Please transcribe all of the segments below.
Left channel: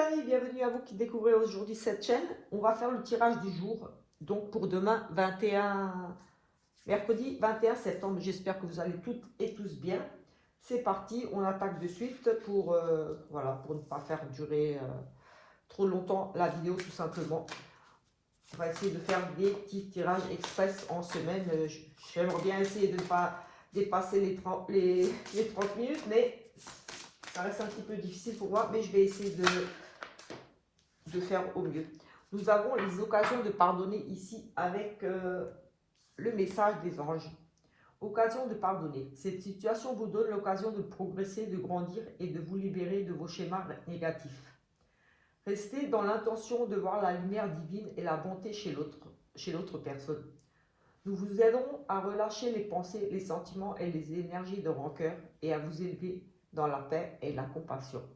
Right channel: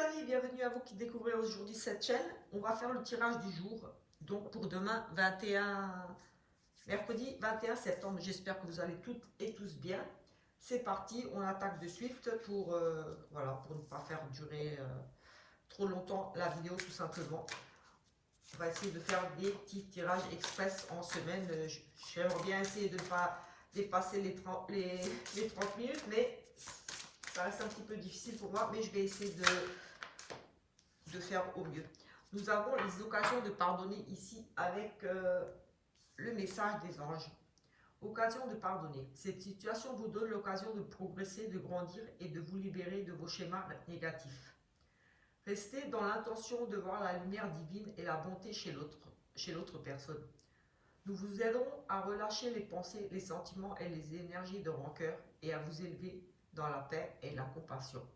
amis, bienvenue à vous qui découvrez aujourd'hui cette chaîne. On va faire le tirage du jour, donc pour demain 21, mercredi 21 septembre. J'espère que vous allez toutes et tous bien. C'est parti, on attaque de suite pour, voilà, pour ne pas faire durer trop longtemps la vidéo tout simplement. On va essayer de faire des petits tirages express en semaine. J'aimerais bien essayer de ne pas dépasser les 30 minutes, mais ça reste un petit peu difficile pour moi, mais je vais essayer de faire au mieux. Nous avons les occasions de pardonner ici avec le message des anges. Occasion de pardonner. Cette situation vous donne l'occasion de progresser, de grandir et de vous libérer de vos schémas négatifs. Restez dans l'intention de voir la lumière divine et la bonté chez l'autre personne. Nous vous aiderons à relâcher les pensées, les sentiments et les énergies de rancœur et à vous élever dans la paix et la compassion.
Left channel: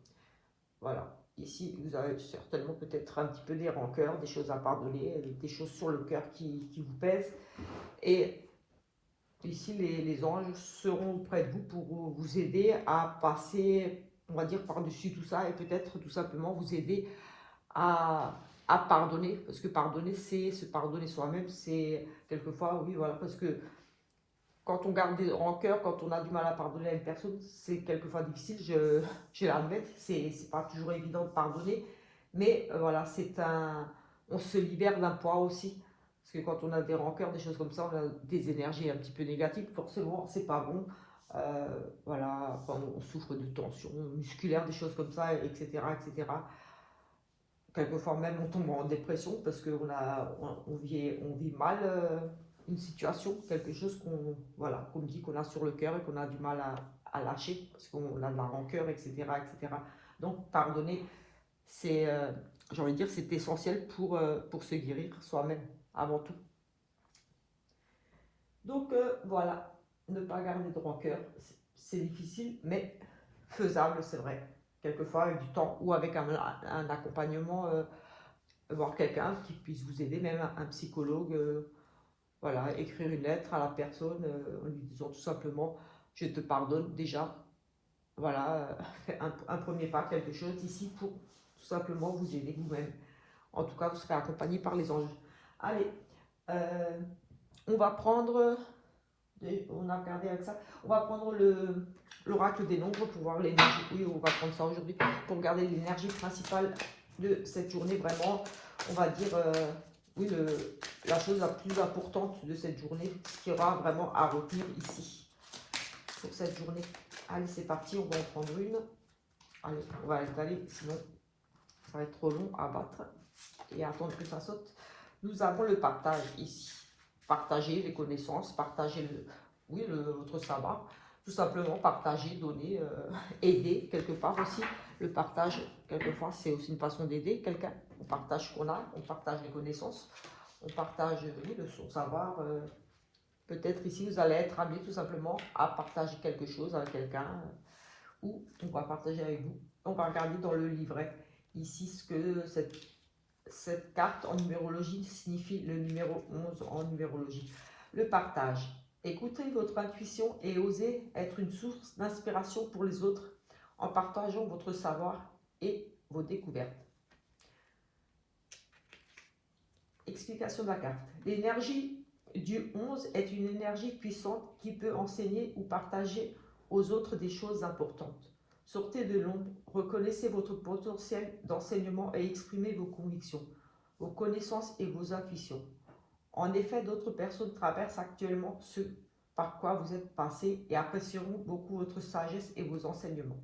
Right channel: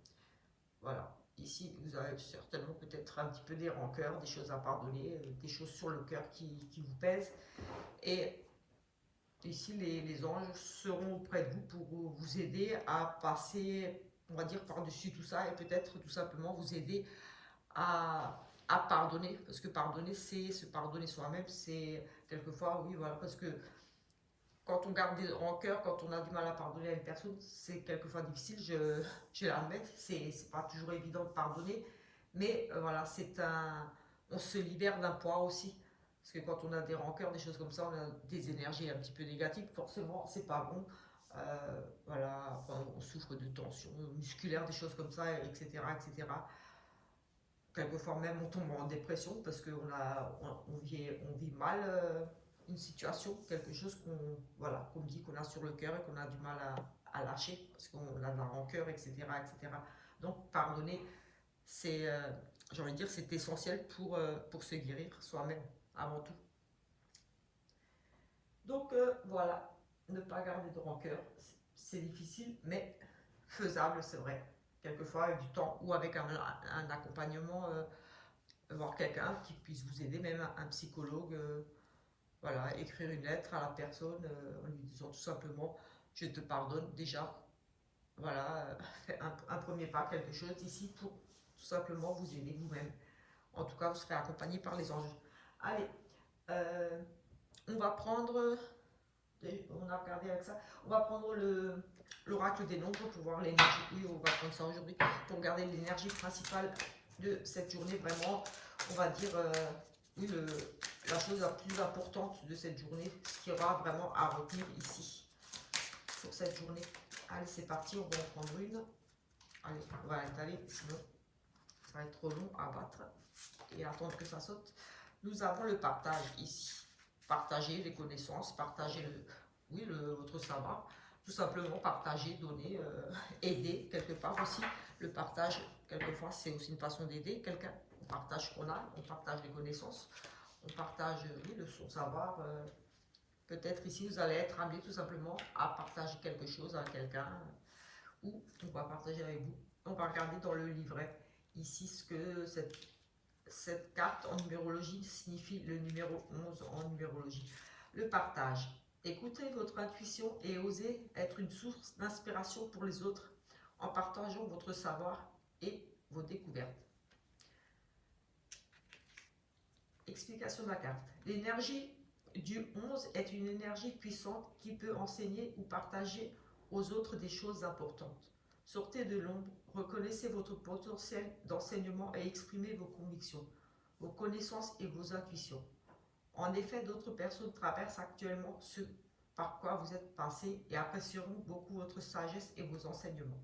Voilà. Ici, vous avez certainement peut-être un petit peu des rancœurs, des choses à pardonner, des choses sur le cœur qui vous pèsent. Et ici, les anges seront auprès de vous pour vous aider à passer, on va dire, par-dessus tout ça et peut-être tout simplement vous aider à pardonner. Parce que pardonner, c'est se pardonner soi-même. C'est quelquefois, oui, voilà, parce que quand on garde des rancœurs, quand on a du mal à pardonner à une personne, c'est quelquefois difficile, je l'admets, c'est pas toujours évident de pardonner, mais voilà, on se libère d'un poids aussi, parce que quand on a des rancœurs, des choses comme ça, on a des énergies un petit peu négatives, forcément, c'est pas bon, voilà, on souffre de tensions musculaires, des choses comme ça, etc., etc. Quelquefois même on tombe en dépression parce qu'on vit mal une situation, quelque chose qu'on dit qu'on a sur le cœur et qu'on a du mal à lâcher parce qu'on a de la rancœur, etc., etc. Donc pardonner, c'est, j'ai envie de dire, c'est essentiel pour se guérir soi-même avant tout. Donc voilà, ne pas garder de rancœur, c'est difficile mais faisable, c'est vrai. Quelquefois avec du temps ou avec un accompagnement, voir quelqu'un qui puisse vous aider, même un psychologue, voilà, écrire une lettre à la personne en lui disant tout simplement je te pardonne déjà, voilà, un premier pas, quelque chose ici pour tout simplement vous aider vous-même. En tout cas, vous serez accompagné par les anges. Allez, on va prendre, on a regardé avec ça, on va prendre l'oracle des nombres pour voir l'énergie. Oui, on va prendre ça aujourd'hui pour regarder l'énergie principale de cette journée. Vraiment, on va dire, oui, la chose la plus importante de cette journée, ce qu'il y aura vraiment à retenir ici pour cette journée. Allez, c'est parti, on va en prendre une. Allez, on va l'étaler, sinon ça va être trop long à battre et à attendre que ça saute. Nous avons le partage ici. Partager les connaissances, partager votre savoir, tout simplement partager, donner, aider quelque part aussi. Le partage, quelquefois, c'est aussi une façon d'aider quelqu'un. On partage ce qu'on a, on partage les connaissances, on partage son savoir. Peut-être ici, vous allez être amené tout simplement à partager quelque chose avec quelqu'un ou on va partager avec vous. On va regarder dans le livret ici ce que cette carte en numérologie signifie, le numéro 11 en numérologie. Le partage. Écoutez votre intuition et osez être une source d'inspiration pour les autres en partageant votre savoir et vos découvertes. Explication de la carte. L'énergie du 11 est une énergie puissante qui peut enseigner ou partager aux autres des choses importantes. Sortez de l'ombre, reconnaissez votre potentiel d'enseignement et exprimez vos convictions, vos connaissances et vos intuitions. En effet, d'autres personnes traversent actuellement ce par quoi vous êtes passé et apprécieront beaucoup votre sagesse et vos enseignements.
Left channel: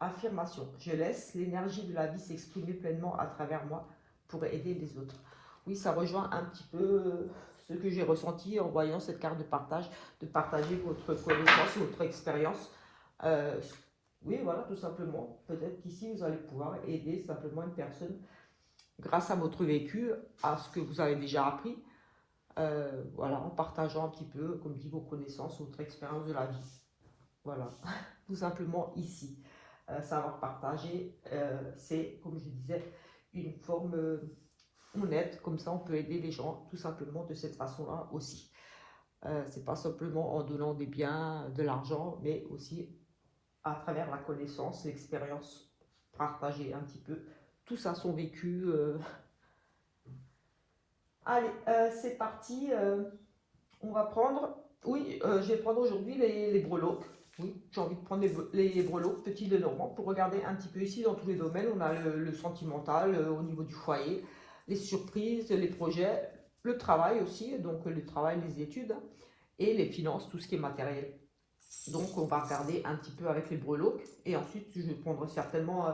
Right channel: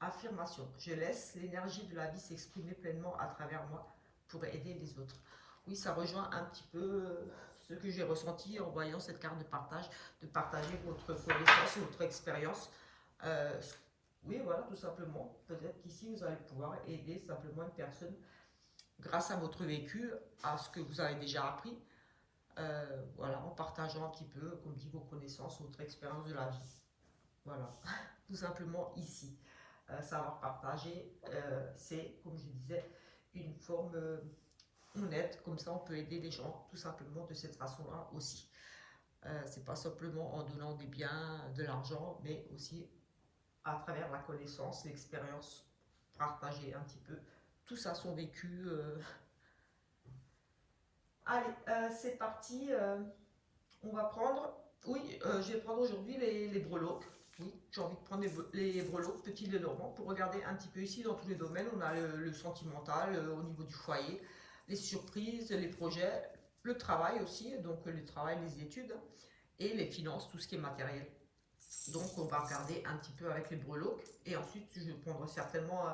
Affirmation. Je laisse l'énergie de la vie s'exprimer pleinement à travers moi pour aider les autres. Oui, ça rejoint un petit peu ce que j'ai ressenti en voyant cette carte de partager votre connaissance, votre expérience. Oui, voilà, tout simplement. Peut-être qu'ici, vous allez pouvoir aider simplement une personne grâce à votre vécu, à ce que vous avez déjà appris, voilà, en partageant un petit peu, comme dit, vos connaissances, votre expérience de la vie. Voilà, tout simplement ici. Savoir partager, c'est, comme je disais, une forme honnête, comme ça on peut aider les gens tout simplement de cette façon-là aussi. C'est pas simplement en donnant des biens, de l'argent, mais aussi à travers la connaissance, l'expérience, partager un petit peu tous a son vécu. Allez, c'est parti. On va prendre, oui, je vais prendre aujourd'hui les breloques. Oui, j'ai envie de prendre les breloques petits de Normand pour regarder un petit peu ici dans tous les domaines. On a le sentimental au niveau du foyer, les surprises, les projets, le travail aussi, donc le travail, les études et les finances, tout ce qui est matériel. Donc on va regarder un petit peu avec les breloques et ensuite je vais prendre certainement,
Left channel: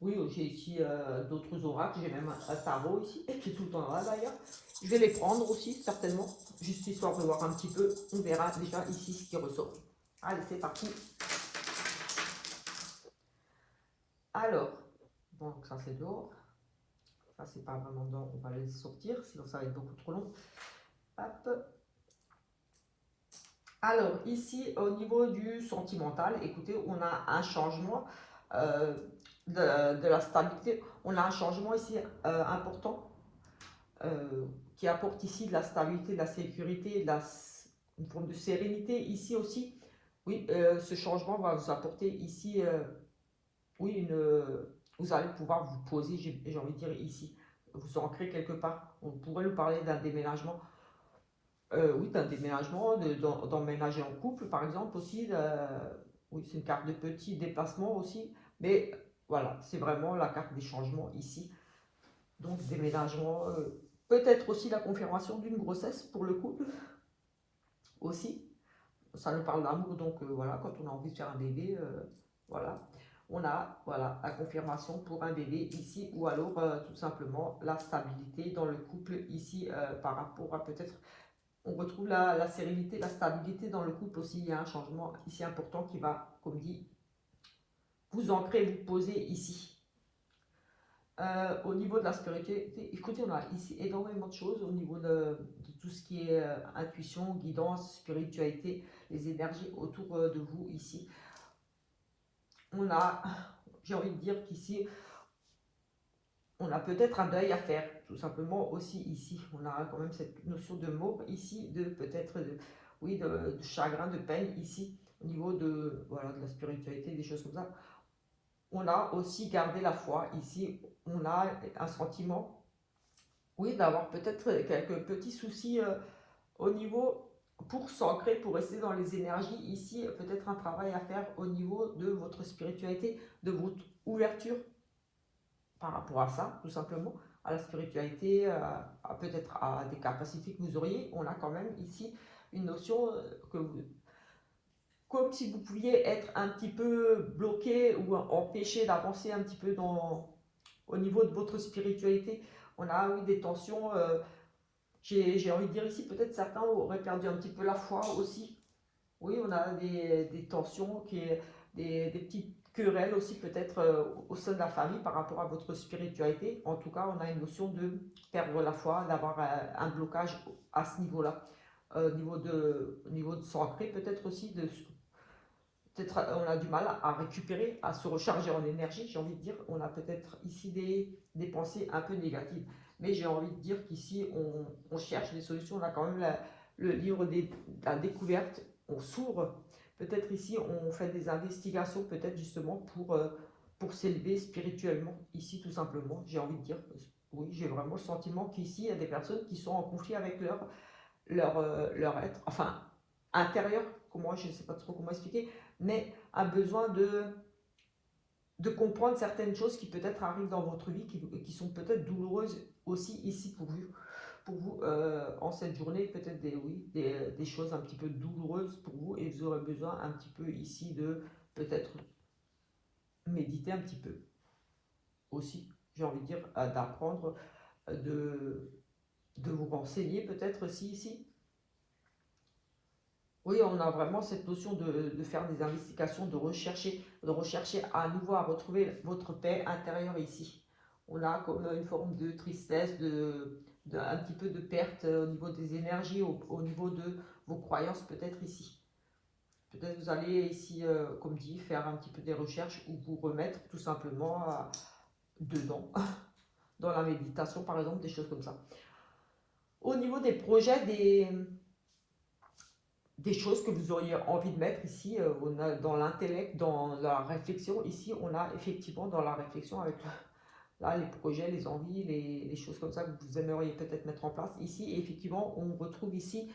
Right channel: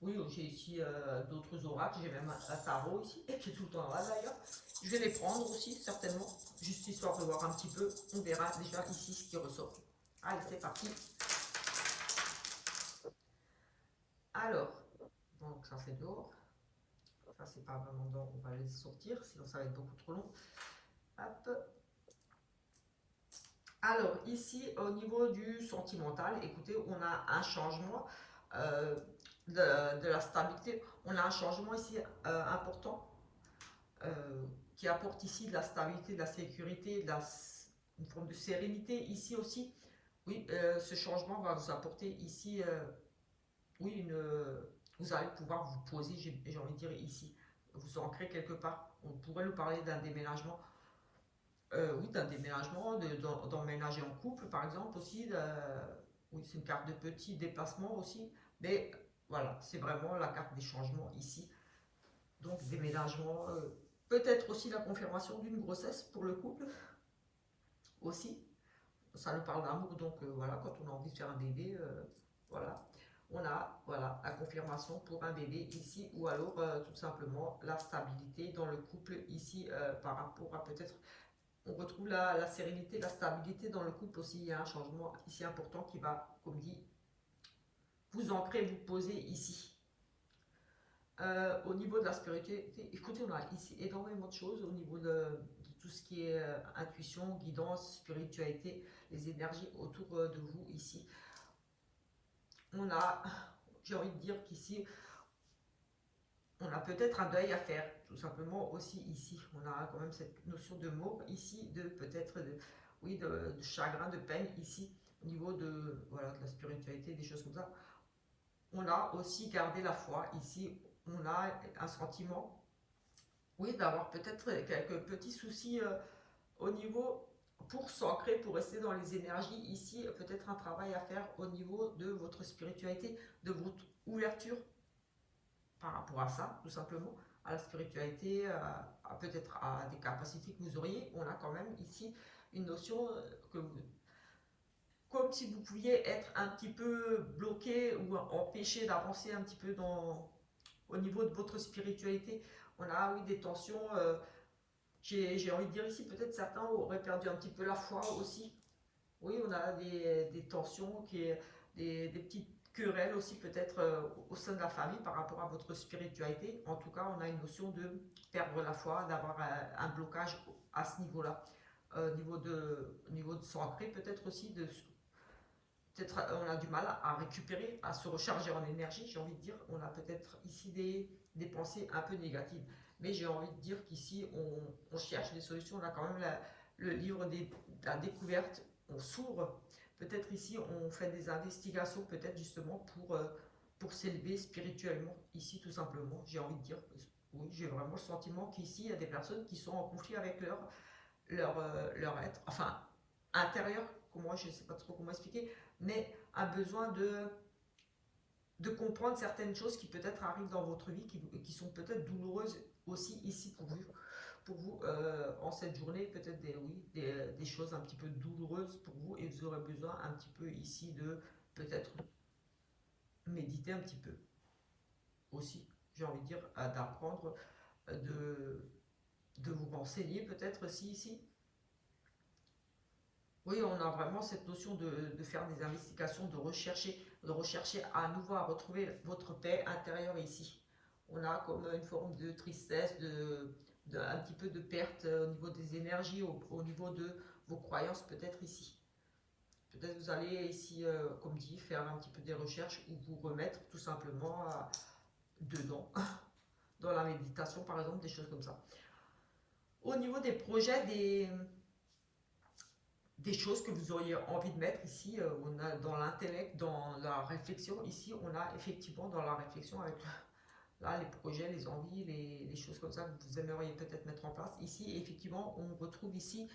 oui, j'ai ici d'autres oracles, j'ai même un tarot ici et qui est tout le temps là d'ailleurs. Je vais les prendre aussi certainement, juste histoire de voir un petit peu, on verra déjà ici ce qui ressort. Allez, c'est parti. Alors, donc ça c'est dehors, ça c'est pas vraiment dehors, on va les sortir, sinon ça va être beaucoup trop long. Hop. Alors ici au niveau du sentimental, écoutez, on a un changement de la stabilité, on a un changement ici important qui apporte ici de la stabilité, de la sécurité, une forme de sérénité ici aussi. Oui, ce changement va vous apporter ici, oui, vous allez pouvoir vous poser, j'ai envie de dire ici, vous ancrer quelque part. On pourrait nous parler d'un déménagement. Oui, d'un déménagement, d'emménager en couple par exemple aussi. Oui, c'est une carte de petit déplacement aussi. Mais voilà, c'est vraiment la carte des changements ici. Donc déménagement, peut-être aussi la confirmation d'une grossesse pour le couple aussi. Ça nous parle d'amour, donc voilà, quand on a envie de faire un bébé, voilà. On a voilà, la confirmation pour un bébé ici, ou alors tout simplement la stabilité dans le couple ici par rapport à peut-être, on retrouve la sérénité, la stabilité dans le couple aussi. Il y a un changement ici important qui va, comme dit, vous ancrer, vous poser ici. Au niveau de la spiritualité, écoutez, on a ici énormément de choses au niveau de tout ce qui est intuition, guidance, spiritualité, les énergies autour de vous ici. On a, j'ai envie de dire qu'ici, on a peut-être un deuil à faire, tout simplement aussi ici. On a quand même cette notion de mort ici, de peut-être, oui, de chagrin, de peine ici, au niveau de, voilà, de la spiritualité, des choses comme ça. On a aussi gardé la foi ici. On a un sentiment, oui, d'avoir peut-être quelques petits soucis au niveau pour s'ancrer, pour rester dans les énergies. Ici, peut-être un travail à faire au niveau de votre spiritualité, de votre ouverture par rapport à ça, tout simplement, à la spiritualité, peut-être à des capacités que vous auriez. On a quand même ici une notion que vous, comme si vous pouviez être un petit peu bloqué ou empêché d'avancer un petit peu au niveau de votre spiritualité. On a, oui, des tensions. J'ai envie de dire ici, peut-être certains auraient perdu un petit peu la foi aussi. Oui, on a des tensions, des petites querelles aussi peut-être au sein de la famille par rapport à votre spiritualité. En tout cas, on a une notion de perdre la foi, d'avoir un blocage à ce niveau-là. Au niveau de s'ancrer peut-être aussi, peut-être on a du mal à récupérer, à se recharger en énergie, j'ai envie de dire. On a peut-être ici des pensées un peu négatives. Mais j'ai envie de dire qu'ici, on cherche des solutions. On a quand même le livre de la découverte. On s'ouvre. Peut-être ici, on fait des investigations, peut-être justement pour s'élever spirituellement. Ici, tout simplement, j'ai envie de dire. Oui, j'ai vraiment le sentiment qu'ici, il y a des personnes qui sont en conflit avec leur être, enfin, intérieur, comment, je ne sais pas trop comment expliquer, mais un besoin de comprendre certaines choses qui peut-être arrivent dans votre vie, qui sont peut-être douloureuses aussi ici pour vous en cette journée, peut-être oui, des choses un petit peu douloureuses pour vous, et vous aurez besoin un petit peu ici de peut-être méditer un petit peu aussi, j'ai envie de dire, d'apprendre, de vous renseigner peut-être aussi ici. Oui, on a vraiment cette notion de faire des investigations, de rechercher à nouveau à retrouver votre paix intérieure ici. On a comme une forme de tristesse, un petit peu de perte au niveau des énergies, au niveau de vos croyances peut-être ici. Peut-être vous allez ici, comme dit, faire un petit peu des recherches ou vous remettre tout simplement dedans, dans la méditation par exemple, des choses comme ça. Au niveau des projets, des choses que vous auriez envie de mettre ici, on a dans l'intellect, dans la réflexion, ici on a effectivement dans la réflexion avec là, les projets, les envies, les choses comme ça que vous aimeriez peut-être mettre en place. Ici, effectivement, on retrouve ici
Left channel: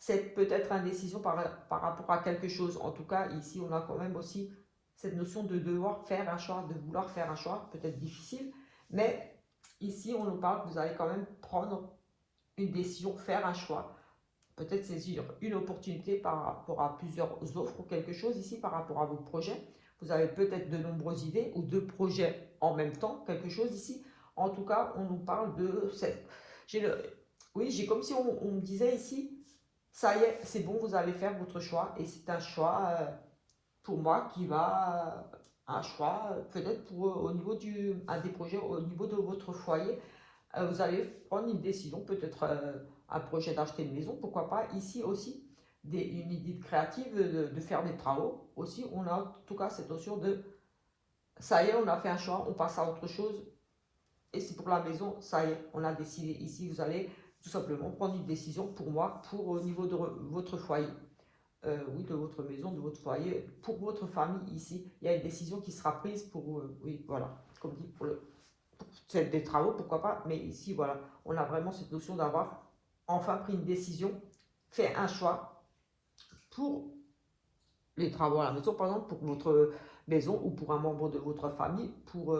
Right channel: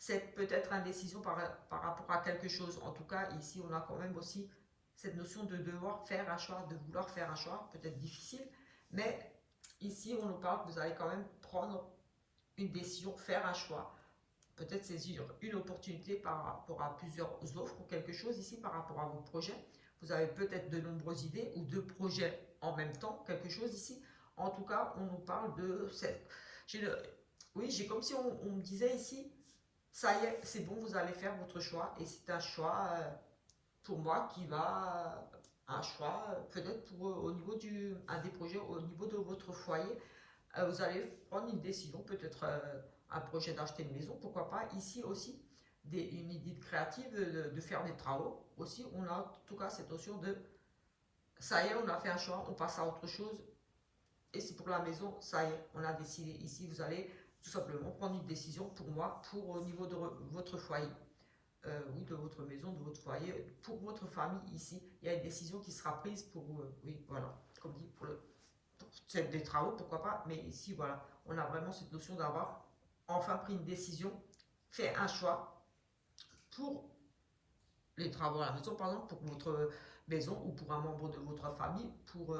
c'est peut-être indécision par rapport à quelque chose. En tout cas, ici, on a quand même aussi cette notion de devoir faire un choix, de vouloir faire un choix, peut-être difficile, mais ici, on nous parle que vous allez quand même prendre une décision, faire un choix, peut-être saisir une opportunité par rapport à plusieurs offres ou quelque chose ici par rapport à vos projets. Vous avez peut-être de nombreuses idées ou deux projets en même temps, quelque chose ici. En tout cas, on nous parle de cette... Oui, j'ai comme si on me disait ici, ça y est, c'est bon, vous allez faire votre choix. Et c'est un choix, pour moi, qui va... un choix, peut-être pour au niveau un des projets, au niveau de votre foyer. Vous allez prendre une décision, peut-être un projet d'acheter une maison, pourquoi pas. Ici aussi, une idée créative de faire des travaux. Aussi, on a en tout cas cette notion de, ça y est, on a fait un choix, on passe à autre chose. Et c'est pour la maison, ça y est, on a décidé. Ici, vous allez tout simplement prendre une décision pour moi, pour au niveau de votre foyer. Oui, de votre maison, de votre foyer, pour votre famille ici. Il y a une décision qui sera prise pour, oui, voilà, comme dit, c'est des travaux, pourquoi pas, mais ici, voilà, on a vraiment cette notion d'avoir enfin pris une décision, fait un choix pour les travaux à la maison, par exemple, pour votre maison ou pour un membre de votre famille, pour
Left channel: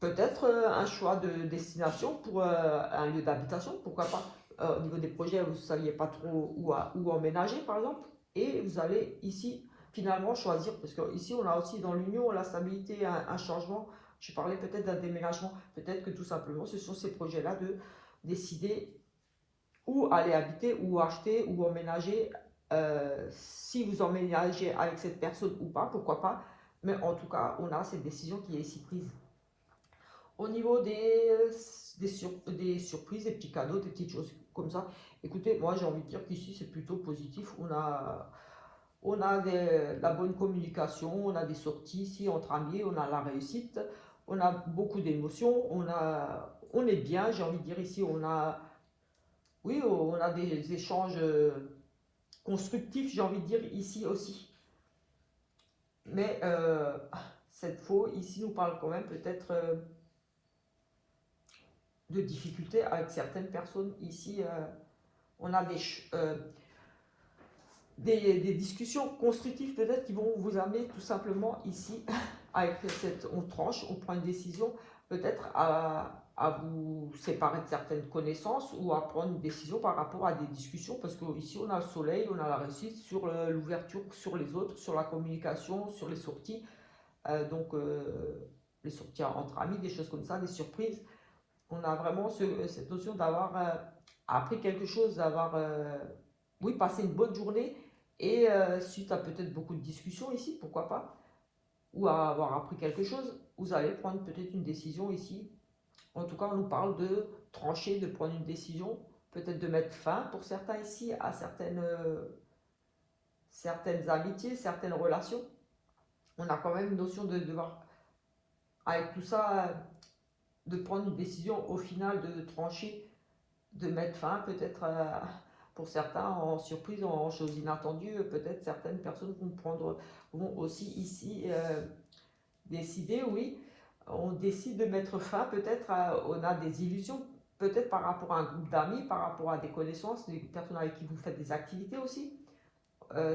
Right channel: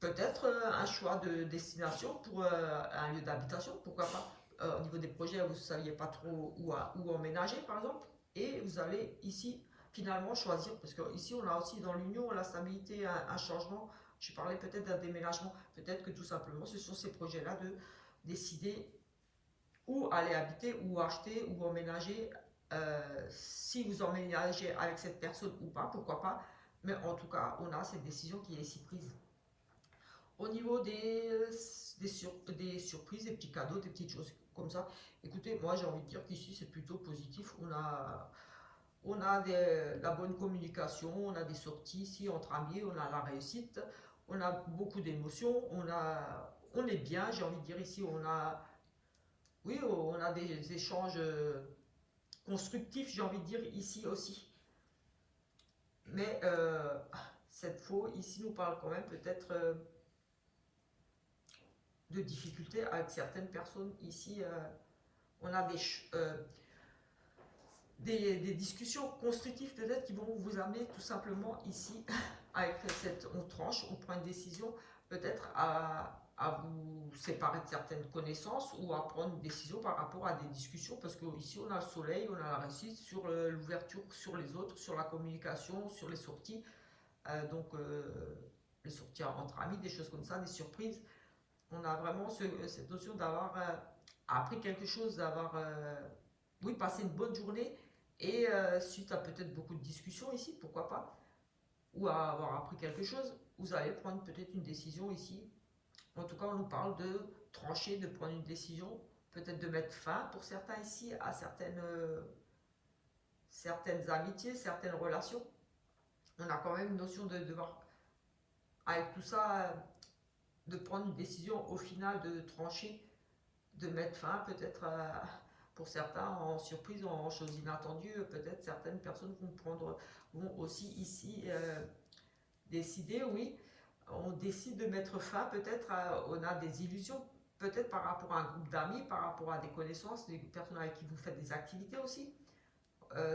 peut-être un choix de destination pour un lieu d'habitation, pourquoi pas. Au niveau des projets, vous ne saviez pas trop où emménager, par exemple, et vous allez ici finalement choisir, parce qu'ici on a aussi dans l'union la stabilité, un changement. Je parlais peut-être d'un déménagement, peut-être que tout simplement ce sont ces projets-là de décider où aller habiter, où acheter, où emménager, si vous emménagez avec cette personne ou pas, pourquoi pas, mais en tout cas on a cette décision qui est ici prise. Au niveau des surprises, des petits cadeaux, des petites choses comme ça, écoutez, moi j'ai envie de dire qu'ici c'est plutôt positif. On a de la bonne communication, on a des sorties ici entre amis, on a la réussite, on a beaucoup d'émotions, on est bien, j'ai envie de dire ici, oui, on a des échanges constructifs, j'ai envie de dire ici aussi. Mais cette fois, ici nous parle quand même peut-être de difficultés avec certaines personnes. Ici, on a des discussions constructives peut-être qui vont vous amener tout simplement ici, avec on tranche, on prend une décision peut-être à vous séparer de certaines connaissances ou à prendre une décision par rapport à des discussions, parce qu'ici on a le soleil, on a la réussite sur l'ouverture sur les autres, sur la communication, sur les sorties, donc les sorties entre amis, des choses comme ça, des surprises. On a vraiment cette notion d'avoir appris quelque chose, d'avoir oui, passé une bonne journée et suite à peut-être beaucoup de discussions ici, pourquoi pas, ou à avoir appris quelque chose, vous allez prendre peut-être une décision ici. En tout cas, on nous parle de trancher, de prendre une décision, peut-être de mettre fin pour certains ici à certaines amitiés, certaines relations. On a quand même une notion de devoir, avec tout ça, de prendre une décision au final, de trancher, de mettre fin peut-être pour certains en surprise, en choses inattendues. Peut-être certaines personnes vont aussi ici décider, oui, on décide de mettre fin, peut-être on a des illusions, peut-être par rapport à un groupe d'amis, par rapport à des connaissances, des personnes avec qui vous faites des activités aussi.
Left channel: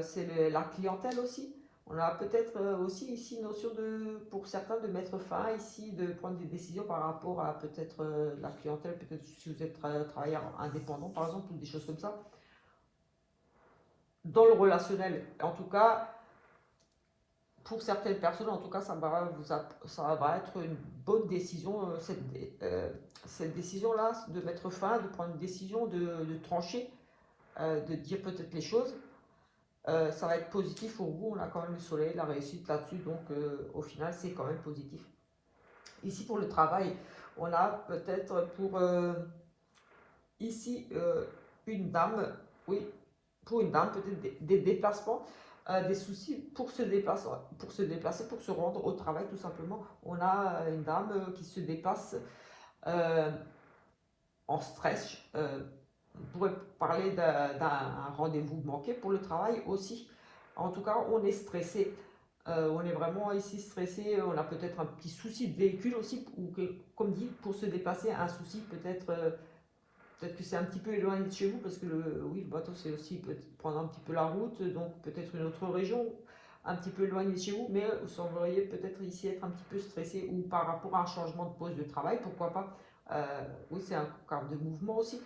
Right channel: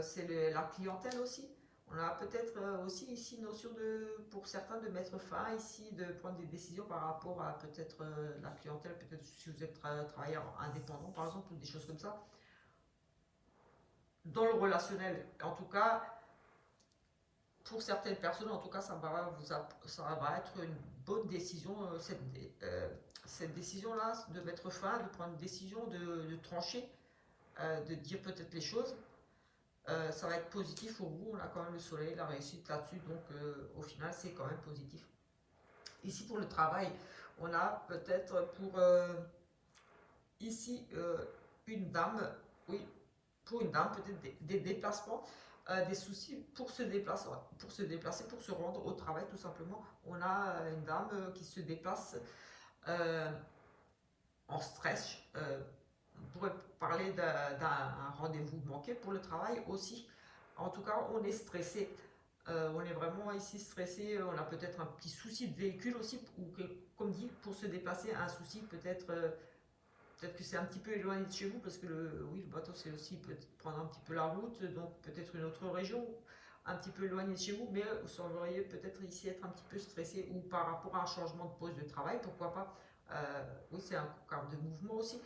C'est la clientèle aussi. On a peut-être aussi ici une notion pour certains de mettre fin ici, de prendre des décisions par rapport à peut-être la clientèle, peut-être si vous êtes travailleur indépendant par exemple, ou des choses comme ça. Dans le relationnel, en tout cas, pour certaines personnes, en tout cas, ça va être une bonne décision, cette décision-là, de mettre fin, de prendre une décision, de trancher, de dire peut-être les choses. Ça va être positif pour vous, on a quand même le soleil, la réussite là-dessus, donc au final c'est quand même positif. Ici pour le travail, on a peut-être pour ici une dame, oui, pour une dame peut-être des déplacements, des soucis pour se déplacer, pour se rendre au travail tout simplement. On a une dame qui se déplace en stress. On pourrait parler d'un rendez-vous manqué pour le travail aussi. En tout cas, on est stressé. On est vraiment ici stressé, on a peut-être un petit souci de véhicule aussi, ou que, comme dit, pour se déplacer, un souci peut-être que c'est un petit peu éloigné de chez vous, parce que oui, le bateau c'est aussi peut prendre un petit peu la route, donc peut-être une autre région, un petit peu éloigné de chez vous, mais vous sembleriez peut-être ici être un petit peu stressé, ou par rapport à un changement de poste de travail, pourquoi pas. Oui, c'est un cas de mouvement aussi.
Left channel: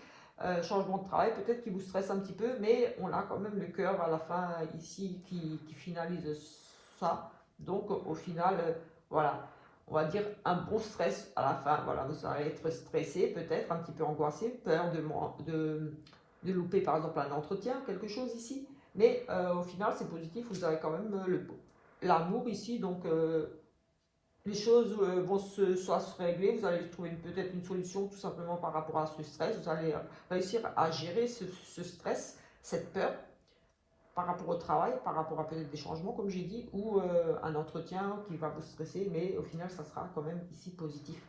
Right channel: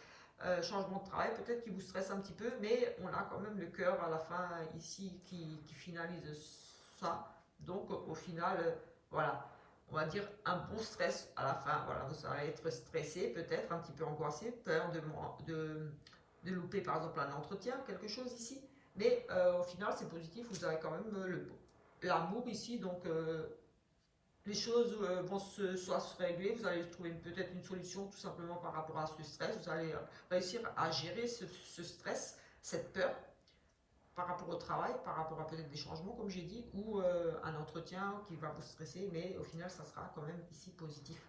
Changement de travail, peut-être qui vous stresse un petit peu, mais on a quand même le cœur à la fin ici qui finalise ça. Donc au final, voilà, on va dire un bon stress à la fin. Voilà, vous allez être stressé, peut-être un petit peu angoissé, peur de louper par exemple un entretien, quelque chose ici. Mais au final, c'est positif, vous avez quand même l'amour ici, donc les choses vont soit se régler, vous allez trouver peut-être une solution tout simplement par rapport à ce stress, vous allez réussir à gérer ce stress, cette peur par rapport au travail, par rapport à peut-être des changements comme j'ai dit, ou un entretien qui va vous stresser, mais au final ça sera quand même ici positif.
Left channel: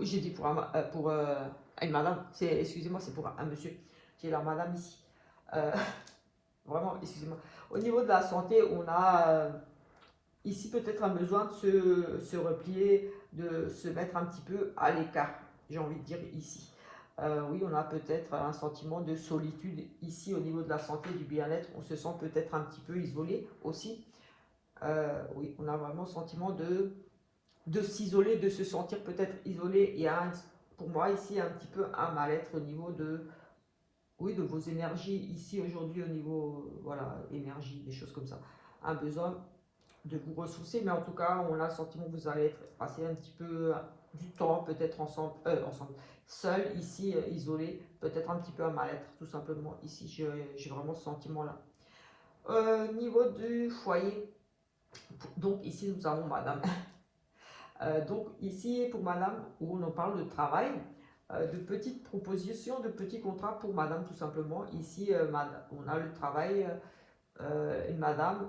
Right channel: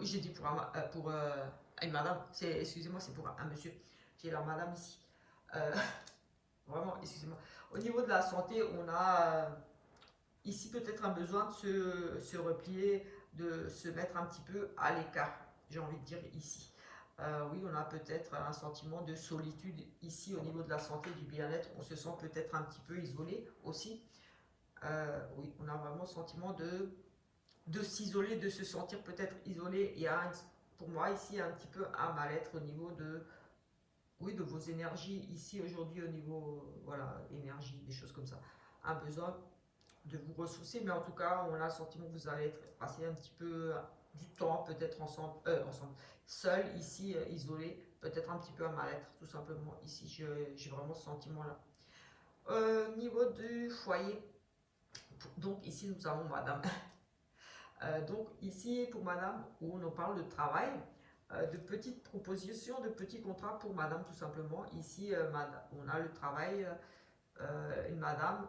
J'ai dit pour une madame, excusez-moi, c'est pour un monsieur, j'ai la madame ici. Euh, Vraiment, excusez-moi. Au niveau de la santé, on a ici peut-être un besoin de se replier, de se mettre un petit peu à l'écart, j'ai envie de dire ici. Oui, on a peut-être un sentiment de solitude ici au niveau de la santé, du bien-être. On se sent peut-être un petit peu isolé aussi. Oui, on a vraiment le sentiment de s'isoler, de se sentir peut-être isolé. Il y a pour moi ici un petit peu un mal-être au niveau oui, de vos énergies ici aujourd'hui au niveau, voilà, énergie, des choses comme ça. Un besoin de vous ressourcer, mais en tout cas, on a le sentiment que vous allez passer un petit peu du temps, peut-être ensemble, seul, ici, isolé, peut-être un petit peu à mal-être, tout simplement. Ici, j'ai vraiment ce sentiment-là. Niveau du foyer, donc ici, nous avons madame. Donc ici, pour madame, où on en parle de travail, de petites propositions, de petits contrats pour madame, tout simplement. Ici, on a le travail, une madame,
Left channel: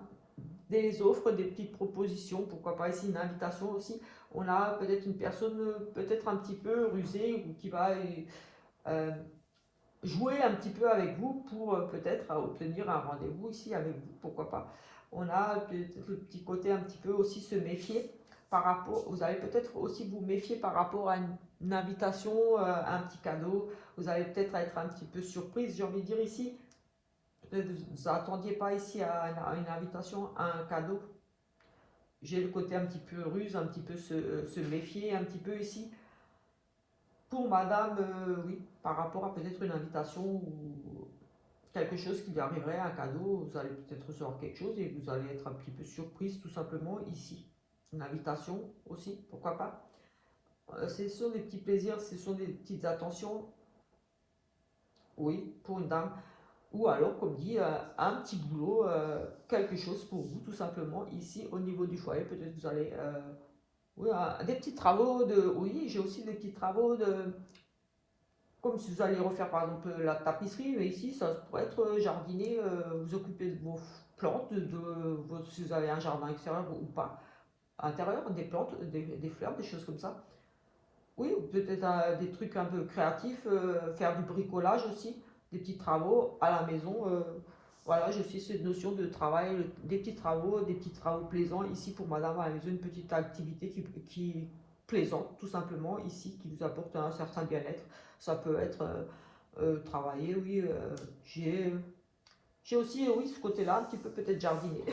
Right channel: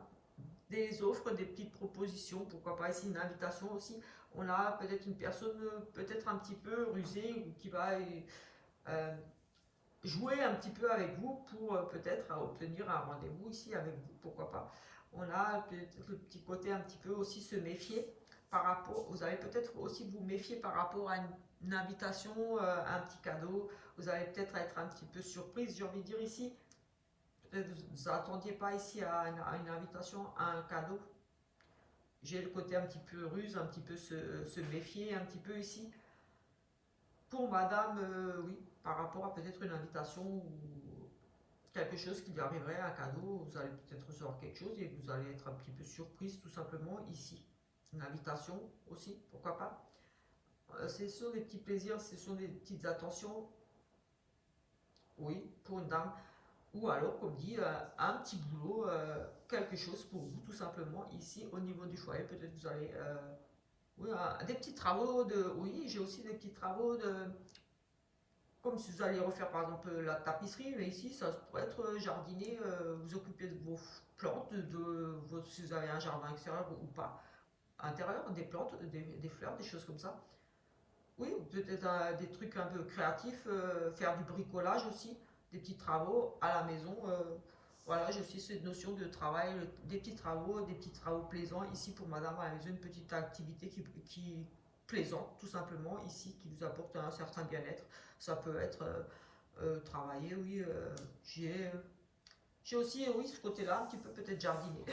des offres, des petites propositions, pourquoi pas ici une invitation aussi. On a peut-être une personne peut-être un petit peu rusée ou qui va euh, jouer un petit peu avec vous pour peut-être obtenir un rendez-vous ici avec vous, pourquoi pas. On a peut-être le petit côté un petit peu aussi se méfier par rapport, vous allez peut-être aussi vous méfier par rapport à une invitation, un petit cadeau, vous allez peut-être être un petit peu surprise, j'ai envie de dire ici. Peut-être vous n'attendiez pas ici à une invitation, à un cadeau. J'ai le côté un petit peu ruse, un petit peu se méfier, un petit peu ici. Pour madame, oui, par rapport à peut-être une invitation ou quelque chose qui lui arriverait, un cadeau, vous allez peut-être recevoir quelque chose et vous allez être un petit peu surprise tout simplement ici. Une invitation aussi, pourquoi pas. Ce sont des petits plaisirs, ce sont des petites attentions, oui, pour une dame. Ou alors, comme dit, un petit boulot, quelque chose pour vous tout simplement ici au niveau du foyer. Peut-être vous allez oui, des petits travaux oui, j'ai aussi des petits travaux comme si vous allez refaire par exemple la tapisserie, mais ici ça pourrait être jardiner, vous occuper de vos plantes, si vous avez un jardin extérieur ou pas, intérieur, des plantes, des fleurs, des choses comme ça. Oui, peut-être des trucs un peu créatifs, faire du bricolage aussi, des petits travaux à la maison. Voilà, j'ai aussi cette notion de travail, des petits travaux plaisants ici pour madame à la maison, une petite activité qui plaisante tout simplement ici, qui vous apporte un certain bien-être. Ça peut être travailler, oui. J'ai aussi, oui, ce côté-là, un petit peu peut-être jardiner.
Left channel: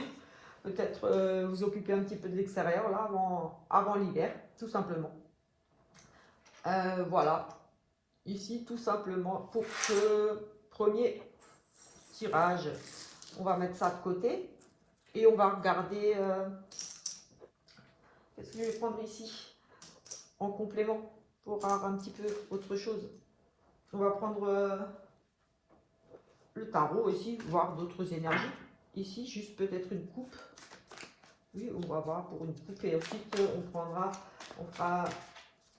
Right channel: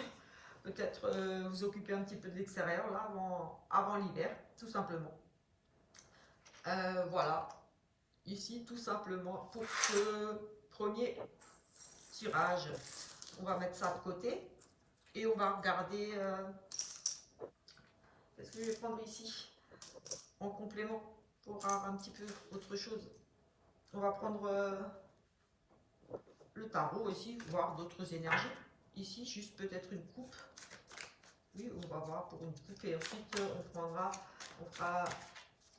Peut-être vous occuper un petit peu de l'extérieur là avant l'hiver, tout simplement. Voilà, ici tout simplement pour ce premier tirage, on va mettre ça de côté et on va regarder qu'est-ce que je vais prendre ici en complément pour avoir un petit peu autre chose. On va prendre le tarot ici, voir d'autres énergies. Ici, juste peut-être une coupe. Oui, on va voir pour une coupe et ensuite on fera.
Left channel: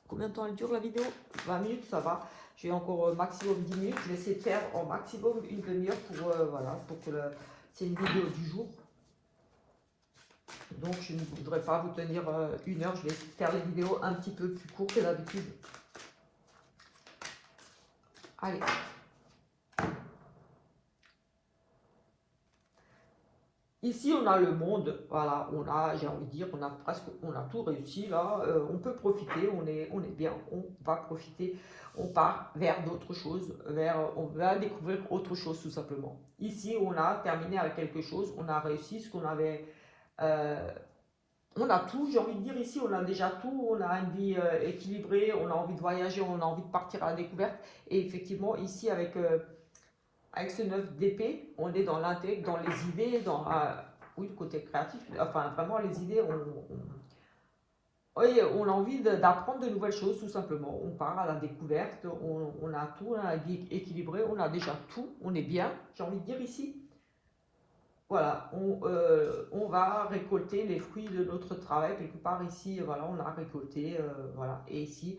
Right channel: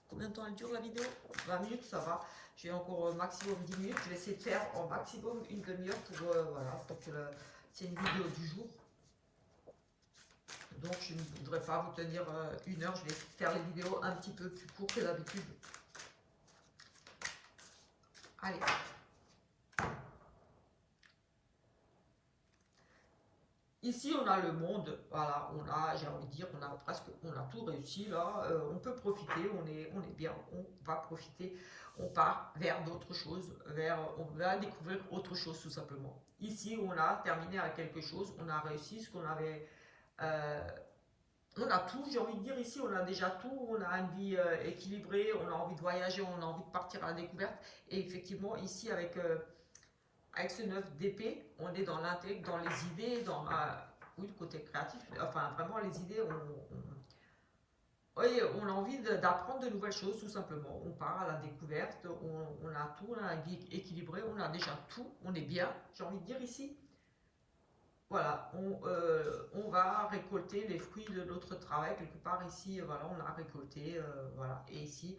Combien de temps elle dure la vidéo? 20 minutes, ça va. J'ai encore maximum 10 minutes. Je vais essayer de faire en maximum une demi-heure pour, voilà, pour que c'est une vidéo du jour. Donc je ne voudrais pas vous tenir une heure. Je vais faire les vidéos un petit peu plus courtes que d'habitude. Allez. Ici, on a le monde, voilà, on a, j'ai envie de dire, on a tout réussi là, on peut profiter, on est bien, on va profiter, on part vers d'autres choses, on va découvrir autre chose tout simplement. Ici, on a terminé avec quelque chose, on a réussi ce qu'on avait, euh, on a tout, j'ai envie de dire ici, on a déjà tout, on a une vie équilibrée, on a envie de voyager, on a envie de partir à la découverte, et effectivement, ici, avec ce 9 d'épée, on est dans l'intègre, dans les idées, oui, le côté créatif, enfin vraiment les idées, oui, on a envie d'apprendre de nouvelles choses tout simplement. On part à la découverte, on a tout, on a la vie équilibrée, on a déjà tout, on est bien, j'ai envie de dire ici. Voilà, on va récolter les fruits de notre travail quelque part ici, voilà, on a récolté, voilà, et ici,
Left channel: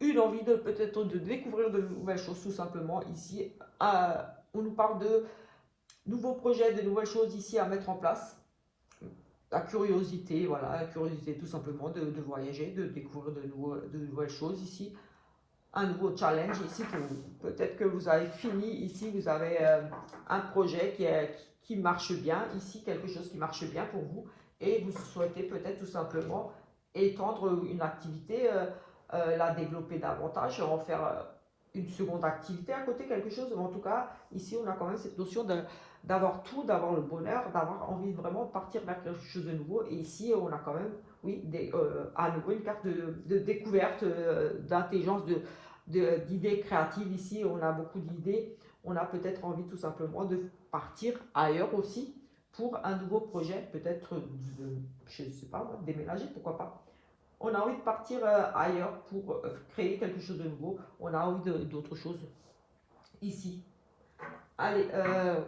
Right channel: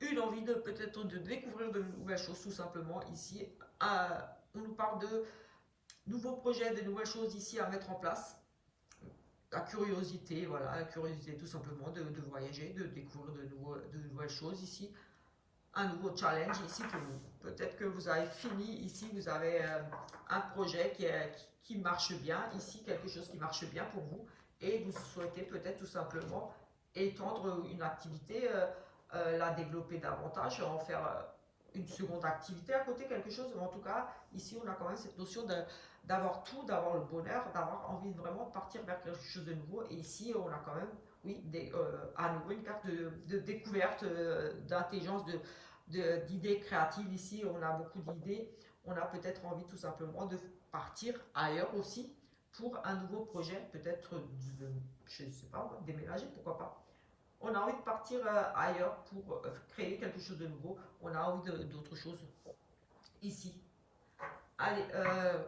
une envie de peut-être de découvrir de nouvelles choses tout simplement ici. On nous parle de nouveaux projets, de nouvelles choses ici à mettre en place. La curiosité, voilà, la curiosité tout simplement de voyager, de découvrir de nouvelles choses ici. Un nouveau challenge ici pour vous. Peut-être que vous avez fini ici, vous avez un projet qui marche bien, ici quelque chose qui marche bien pour vous et vous souhaitez peut-être tout simplement étendre une activité, la développer davantage, en faire une seconde activité à côté, quelque chose. En tout cas, ici on a quand même cette notion d'avoir tout, d'avoir le bonheur, d'avoir envie vraiment de partir vers quelque chose de nouveau. Et ici on a quand même, oui, à nouveau une carte de découverte, d'intelligence, d'idées créatives. Ici on a beaucoup d'idées, on a peut-être envie tout simplement de partir ailleurs aussi pour un nouveau projet, peut-être je ne sais pas, déménager, pourquoi pas. On a envie de partir ailleurs pour créer quelque chose de nouveau, on a envie d'autre chose ici. Allez,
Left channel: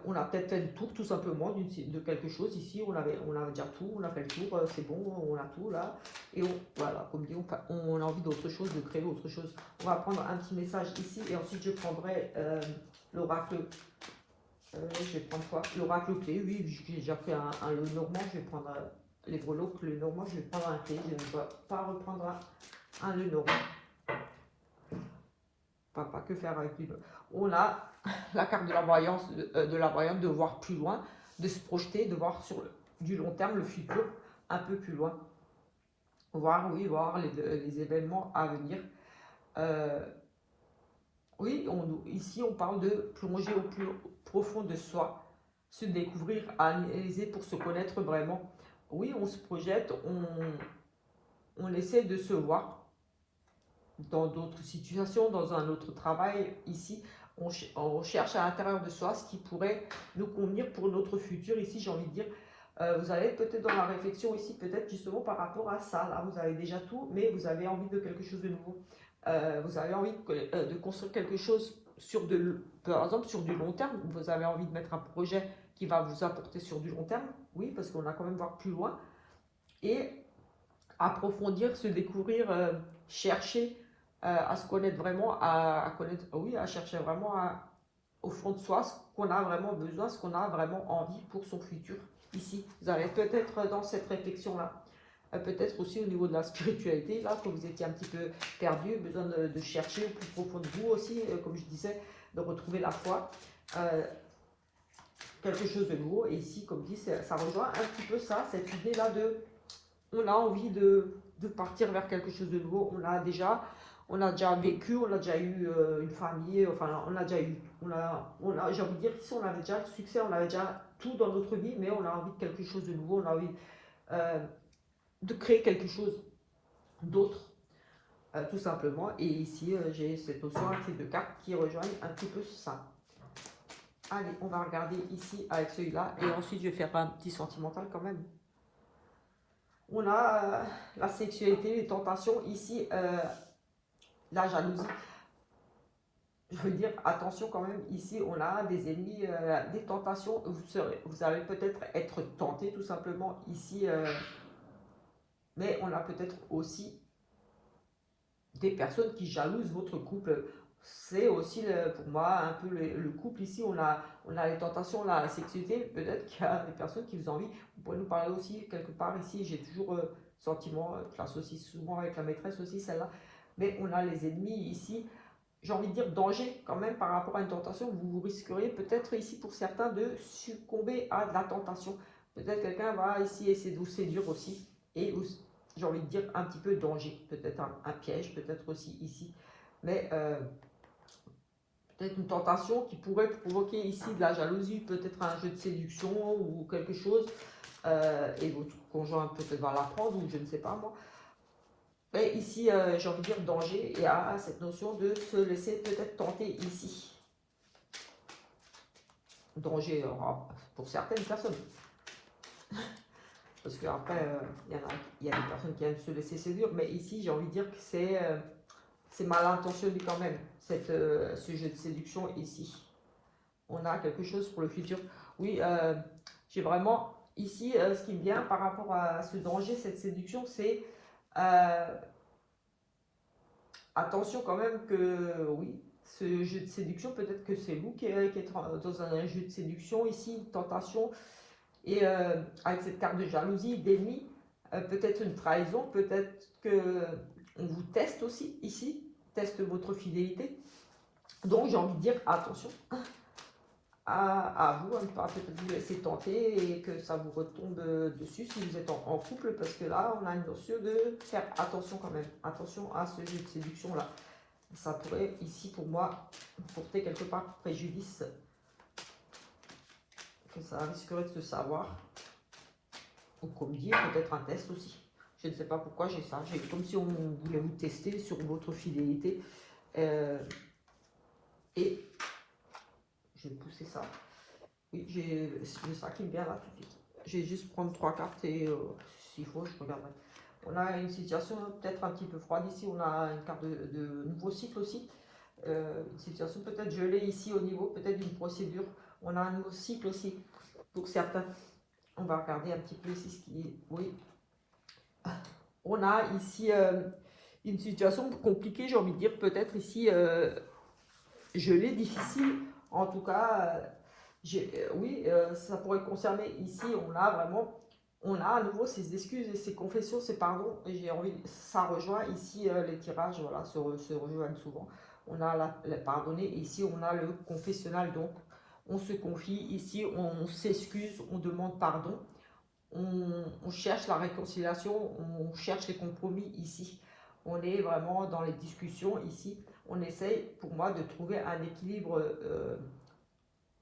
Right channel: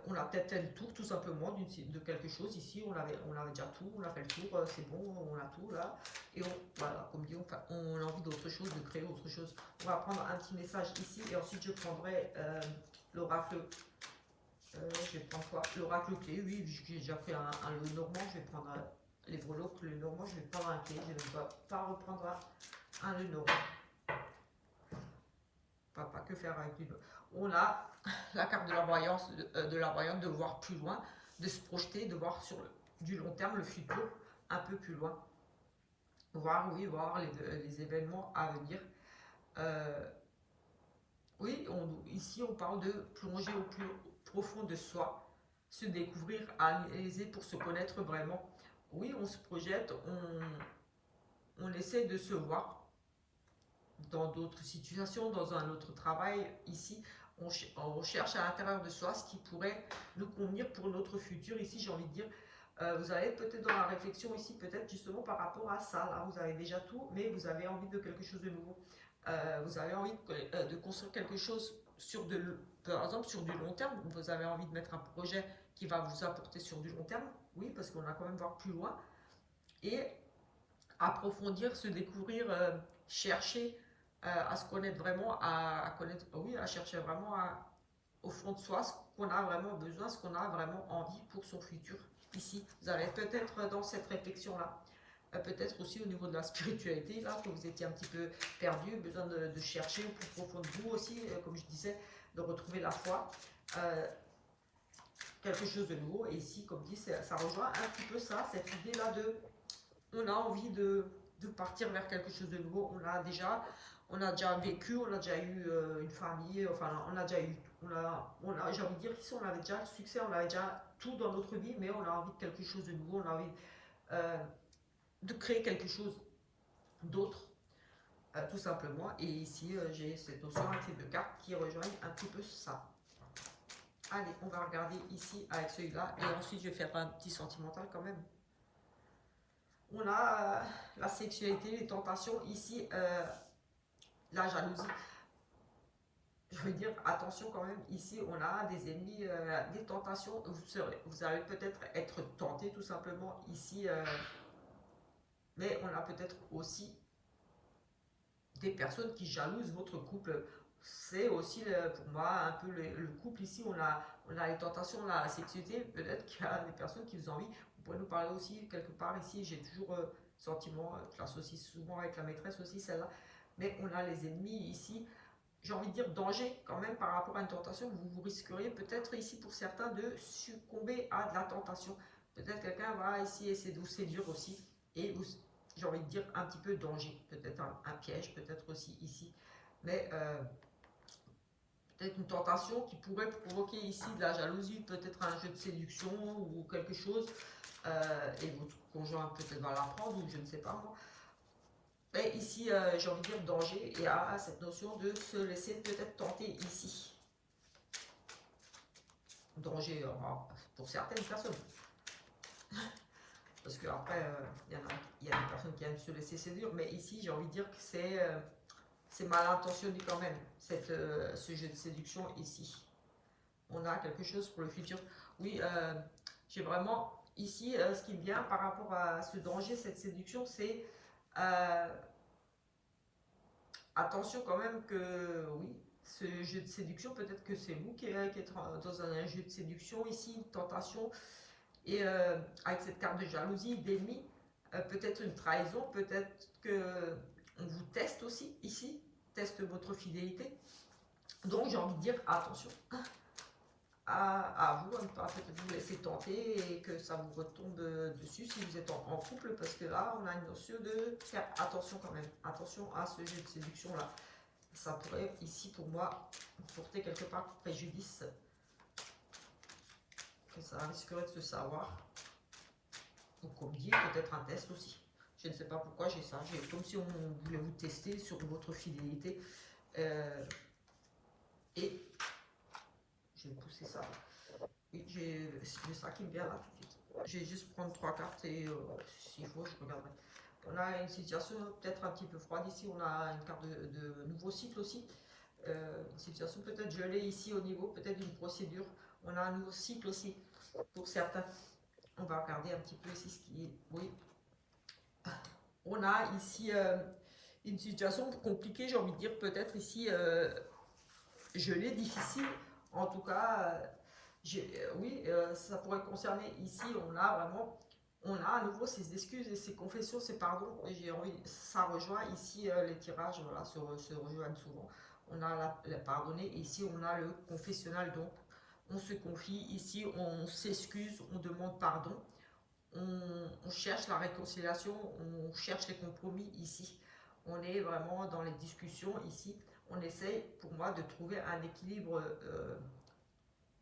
on a peut-être fait le tour tout simplement de quelque chose ici, on avait déjà tout, on a fait le tour, c'est bon, on a tout là. Et voilà, comme dit, on a envie d'autre chose, de créer autre chose. On va prendre un petit message ici et ensuite je prendrai l'oracle. Je vais prendre quoi? L'oracle clé, oui, j'ai déjà fait un le normand, je vais prendre les breloques, le normand, je vais prendre un clé, je ne vais pas reprendre un le normand. Pas que faire avec lui. On a la carte de la voyance, de la voyante, de voir plus loin, de se projeter, de voir sur du long terme le futur un peu plus loin. Voir, oui, voir les événements à venir. Oui, ici on parle de plonger au plus profond de soi, se découvrir, analyser pour se connaître vraiment. Oui, on se projette, on essaie de se voir dans d'autres situations, dans un autre travail. Ici, on cherche à l'intérieur de soi ce qui pourrait nous convenir pour notre futur. Ici, j'ai envie de dire, vous allez peut-être dans la réflexion ici, peut-être justement par rapport à ça. Là, vous avez déjà tout, mais vous avez envie de quelque chose de nouveau. Vous avez envie de construire quelque chose par exemple sur du long terme. Vous avez envie de mettre un projet qui va vous apporter sur du long terme. Oui, parce qu'on a quand même voir plus loin. Et approfondir, se découvrir, chercher à se connaître vraiment, à connaître, oui, à chercher vraiment au fond de soi ce qu'on a vraiment besoin, ce qu'on a vraiment envie pour son futur. Ici, vous allez peut-être dans cette réflexion-là, peut-être aussi au niveau de la spiritualité, là, que vous étiez un petit peu perdu, besoin de chercher au plus profond de vous aussi, comme je disais, de retrouver la foi. Quelque chose de nouveau, et ici, comme dit, ça rejoint un petit peu ça, cette idée-là on a envie de partir vers quelque chose de nouveau. On a déjà vécu, on a déjà eu une famille, enfin on a déjà eu, j'ai envie de dire qu'ici on avait déjà le succès, on avait déjà tout dans notre vie, mais on a envie de quelque chose de nouveau, on a envie de créer quelque chose d'autre, tout simplement. Et ici j'ai cette notion avec ces deux cartes qui rejoignent un petit peu ça. Allez, on va regarder ici avec celui-là, et ensuite je vais faire un petit sentimental quand même. On a la sexualité, les tentations, ici la jalousie. Je veux dire, attention quand même, ici on a des ennemis, des tentations, vous allez peut-être être tenté tout simplement ici, mais on a peut-être aussi des personnes qui jalousent votre couple. C'est aussi pour moi un peu le couple ici, on a les tentations, la sexualité, peut-être qu'il y a des personnes qui vous envient. Vous pouvez nous parler aussi quelque part ici, j'ai toujours sentiment, je l'associe souvent avec la maîtresse aussi celle-là, mais on a les ennemis ici, j'ai envie de dire danger quand même par rapport à une tentation, vous risqueriez peut-être ici pour certains de succomber à de la tentation. Peut-être quelqu'un va ici essayer de vous séduire aussi. Et j'ai envie de dire un petit peu danger. Peut-être un piège, peut-être aussi ici. Mais peut-être une tentation qui pourrait provoquer ici de la jalousie, peut-être un jeu de séduction ou quelque chose. Et votre conjoint peut-être va l'apprendre ou je ne sais pas moi. Mais ici, j'ai envie de dire danger et à cette notion de se laisser peut-être tenter ici. Danger pour certaines personnes. Parce qu'après, il y a des personnes qui aiment se laisser séduire, mais ici, j'ai envie de dire que c'est mal intentionné quand même, ce jeu de séduction ici. On a quelque chose pour le futur. Oui, j'ai vraiment, ici, ce qui me vient par rapport à ce danger, cette séduction, c'est attention quand même que, oui, ce jeu de séduction, peut-être que c'est vous qui êtes dans un jeu de séduction ici, une tentation, et avec cette carte de jalousie, d'ennemi, peut-être une trahison, peut-être que on vous teste aussi ici, teste votre fidélité. Donc j'ai envie de dire attention à vous, à ne pas peut-être vous laisser tenter et que ça vous retombe dessus si vous êtes en couple, parce que là on a une notion de faire attention quand même, attention à ce jeu de séduction là. Ça pourrait ici pour moi porter quelque part préjudice, que ça risquerait de se savoir. Ou comme dire, peut-être un test aussi. Je ne sais pas pourquoi j'ai ça. J'ai comme si on voulait vous tester sur votre fidélité. Et je vais pousser ça. Oui, j'ai ça qui me vient là tout de suite. Je vais juste prendre 3 cartes et s'il faut, je regarderai. On a une situation peut-être un petit peu froide ici. On a une carte de nouveau cycle aussi. Une situation peut-être gelée ici au niveau, peut-être d'une procédure. On a un nouveau cycle aussi pour certains. On va regarder un petit peu ici ce qui est. Oui. On a ici une situation compliquée, j'ai envie de dire, peut-être ici gelée, difficile. En tout cas, oui, ça pourrait concerner ici, on a à nouveau ces excuses et ces confessions, ces pardons. J'ai envie, ça rejoint ici les tirages, voilà, se rejoignent souvent. On a la pardonner, et ici on a le confessionnal, donc on se confie, ici on s'excuse, on demande pardon. On cherche la réconciliation, on cherche les compromis ici. On est vraiment dans les discussions ici. On essaye, pour moi, de trouver un équilibre.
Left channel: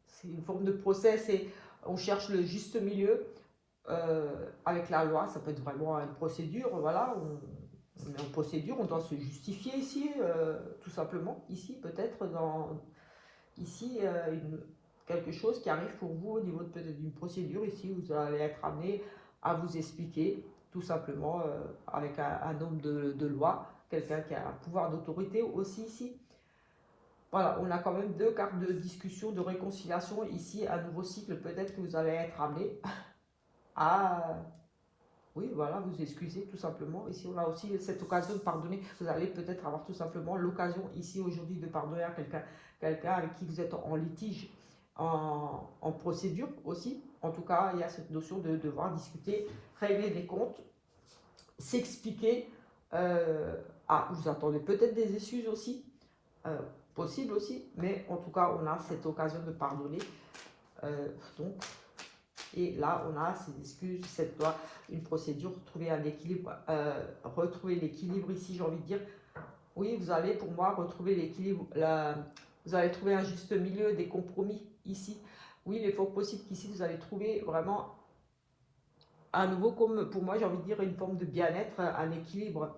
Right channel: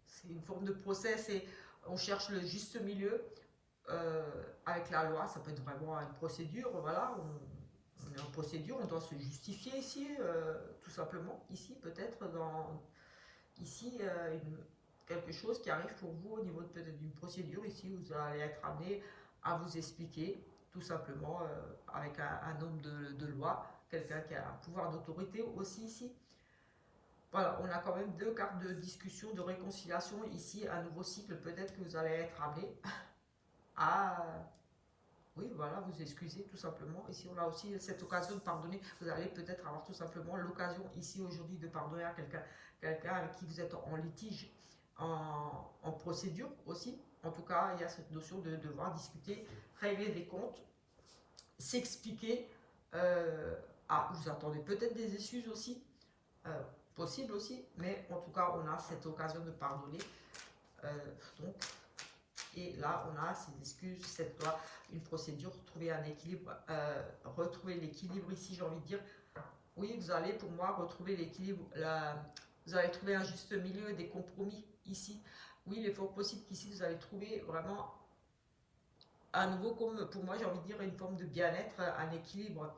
C'est une forme de process et on cherche le juste milieu avec la loi. Ça peut être vraiment une procédure. Voilà, on est en procédure, on doit se justifier ici, tout simplement. Ici, peut-être ici quelque chose qui arrive pour vous au niveau peut-être d'une procédure. Ici, vous allez être amené à vous expliquer, tout simplement, avec un homme de loi, quelqu'un qui a un pouvoir d'autorité aussi ici. Voilà, on a quand même 2 cartes de discussion, de réconciliation. Ici, un nouveau cycle, peut-être que vous allez être amené à... Oui, voilà, vous excuser tout simplement. Ici, on a aussi cette occasion de pardonner. Vous allez peut-être avoir tout simplement l'occasion ici aujourd'hui de pardonner à quelqu'un avec qui vous êtes en litige, en procédure aussi. En tout cas, il y a cette notion de devoir discuter, régler des comptes, s'expliquer. Vous attendez peut-être des excuses aussi, possible aussi, mais en tout cas, on a cette occasion de pardonner. Donc, et là, on a ces excuses, cette loi, une procédure, trouver un équilibre, retrouver l'équilibre ici, j'ai envie de dire. Oui, vous allez, pour moi, retrouver l'équilibre, vous allez trouver un juste milieu, des compromis ici. Oui, il est fort possible qu'ici, vous allez trouver vraiment, à nouveau, comme pour moi, j'ai envie de dire, une forme de bien-être, un équilibre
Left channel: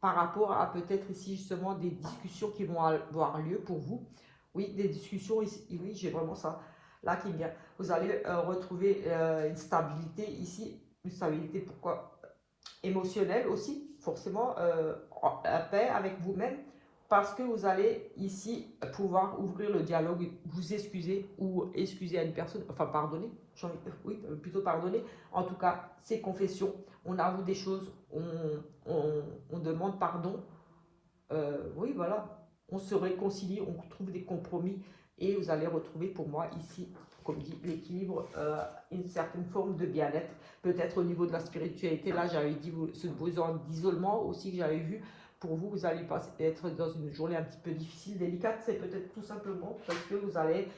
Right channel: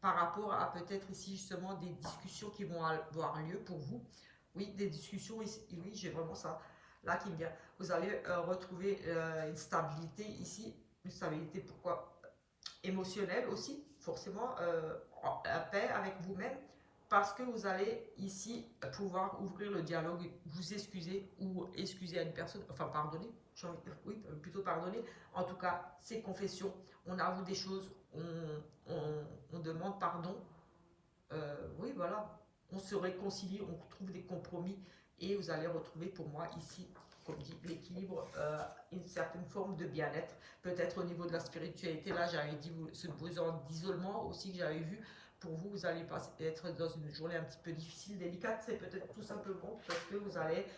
par rapport à peut-être ici, justement, des discussions qui vont avoir lieu pour vous. Oui, des discussions ici, oui, j'ai vraiment ça là qui me vient. Vous allez retrouver une stabilité ici, une stabilité pourquoi émotionnelle aussi, forcément en paix avec vous-même, parce que vous allez ici pouvoir ouvrir le dialogue, vous excuser ou excuser à une personne, enfin pardonner, oui, plutôt pardonner. En tout cas, ces confessions, on avoue des choses, on demande pardon. Oui, voilà, on se réconcilie, on trouve des compromis et vous allez retrouver pour moi ici, comme dit, l'équilibre, une certaine forme de bien-être, peut-être au niveau de la spiritualité. Là, j'avais dit ce besoin d'isolement aussi que j'avais vu. Pour vous, vous allez être dans une journée un petit peu difficile, délicate. C'est peut-être tout simplement parce que vous allez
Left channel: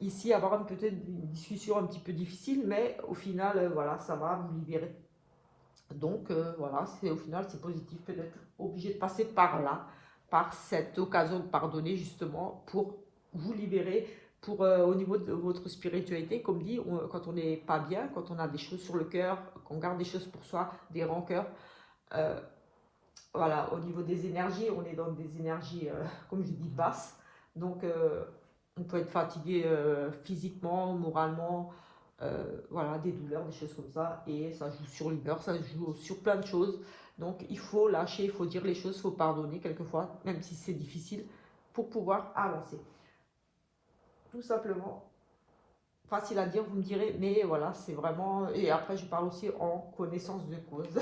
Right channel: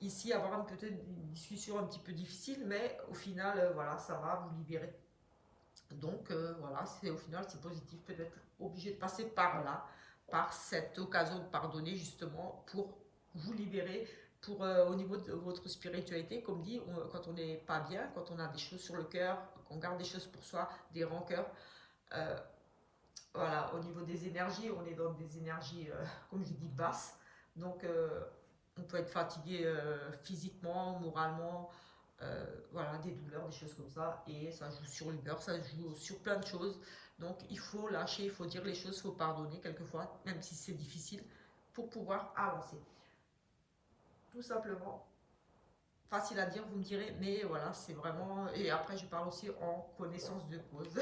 ici avoir peut-être une discussion un petit peu difficile, mais au final, voilà, ça va vous libérer. Donc voilà, c'est au final c'est positif, peut-être obligé de passer par là, par cette occasion de pardonner justement pour vous libérer, pour au niveau de votre spiritualité, comme dit, quand on n'est pas bien, quand on a des choses sur le cœur, qu'on garde des choses pour soi, des rancœurs, euh, voilà, au niveau des énergies, on est dans des énergies, comme je dis, basses, donc on peut être fatigué physiquement, moralement, voilà, des douleurs, des choses comme ça, et ça joue sur l'humeur, ça joue sur plein de choses. Donc il faut lâcher, il faut dire les choses, il faut pardonner quelquefois, même si c'est difficile, pour pouvoir avancer. Tout simplement, facile à dire, vous me direz, mais voilà, c'est vraiment... Et après, je parle aussi en connaissance de cause.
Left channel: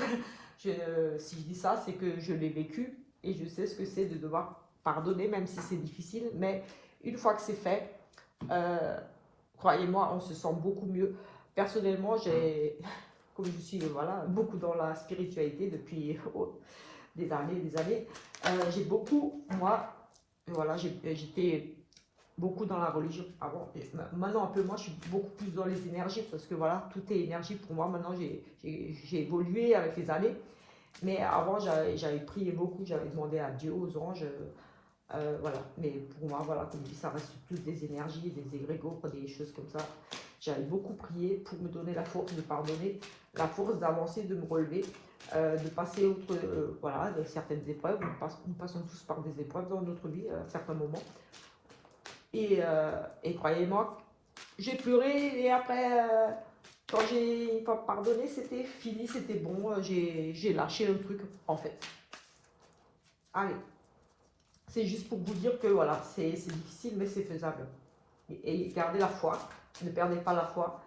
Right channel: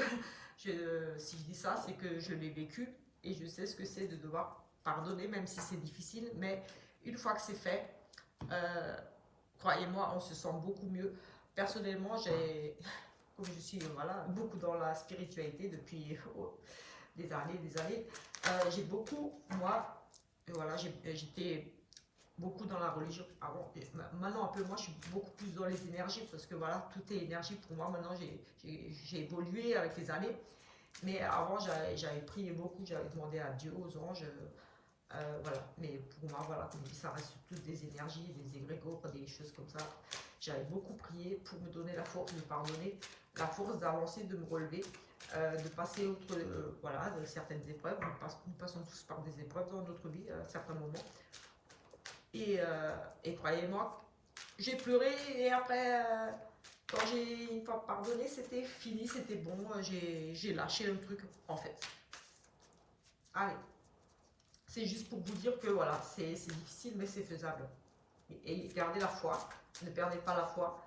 Si je dis ça, c'est que je l'ai vécu, et je sais ce que c'est de devoir pardonner, même si c'est difficile, mais une fois que c'est fait, croyez-moi, on se sent beaucoup mieux. Personnellement, comme je suis voilà, beaucoup dans la spiritualité depuis des années, j'ai beaucoup, moi, voilà, j'étais beaucoup dans la religion avant. Et maintenant, un peu, moi, je suis beaucoup plus dans les énergies parce que voilà, tout est énergie pour moi. Maintenant, j'ai évolué avec les années. Mais avant, j'avais prié beaucoup, j'avais demandé à Dieu, aux anges, voilà. Mais pour moi, voilà, comme je dis, ça reste plus des énergies, des égrégores, des choses comme ça. J'avais beaucoup prié pour me donner la force de pardonner, la force d'avancer, de me relever, de passer outre voilà, de certaines épreuves. Nous passons tous par des épreuves dans notre vie à certains moments. Et croyez-moi, j'ai pleuré et après, quand j'ai pardonné, c'était fini, c'était bon, j'ai lâché le truc en fait. Allez, c'est juste pour vous dire que voilà, c'est difficile mais c'est faisable. Et gardez la foi, ne perdez pas la foi.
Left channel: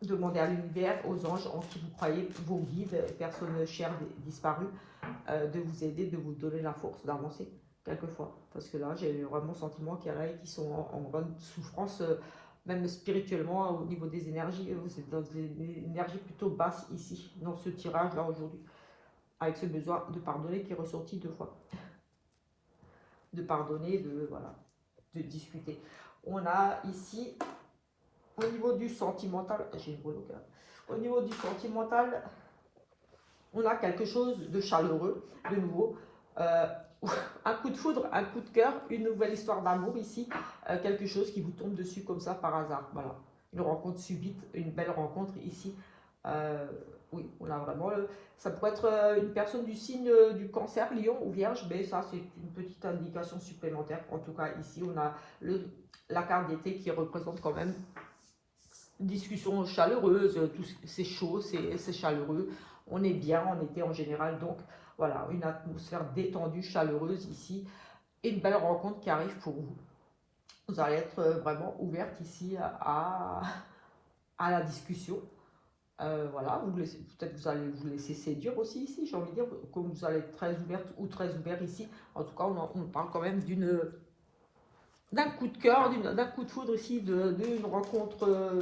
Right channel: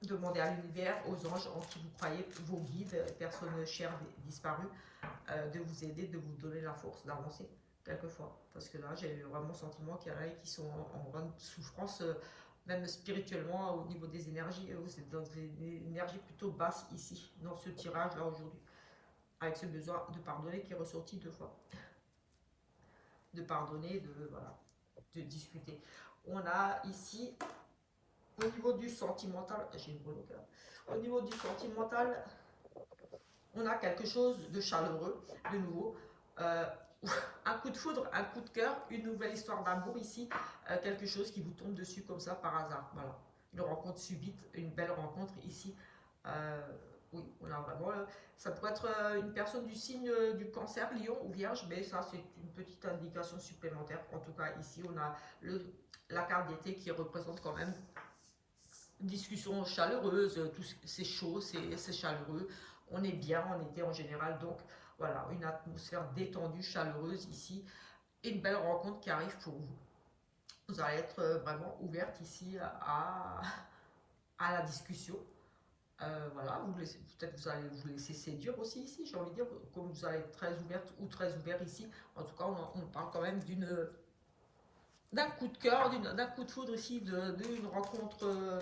Demandez à l'univers, aux anges en qui vous croyez, vos guides, personnes chères disparues, de vous aider, de vous donner la force d'avancer quelquefois. Parce que là, j'ai vraiment le sentiment qu'il y en a qui sont en grande souffrance, même spirituellement, au niveau des énergies. Vous êtes dans des énergies plutôt basses ici, dans ce tirage-là aujourd'hui, avec ce besoin de pardonner qui est ressorti 2 fois. De pardonner, voilà, de discuter. On a ici, au niveau du sentimental, j'ai une breloque là. Au niveau du sentimental, on a quelque chose de chaleureux, de nouveau. Un coup de foudre, un coup de cœur, une nouvelle histoire d'amour ici, quelque chose qui vous tombe dessus comme ça par hasard. Voilà, une rencontre subite, une belle rencontre ici. Oui, on a vraiment. Ça pourrait être une personne du signe du cancer, lion ou vierge, mais ça c'est une petite indication supplémentaire. En tout cas, ici on a la carte d'été qui représente quand même une discussion chaleureuse, c'est chaud, c'est chaleureux. On est bien en été en général, donc voilà, une atmosphère détendue, chaleureuse ici, et une belle rencontre qui arrive pour vous. Vous allez être vraiment ouverte ici à la discussion. Voilà, peut-être vous allez vous laisser séduire aussi ici, j'ai envie de dire, comme vous allez être très ouverte ou très ouvert ici. En tout cas, on parle quand même d'un coup de cœur, d'un coup de foudre ici, d'une rencontre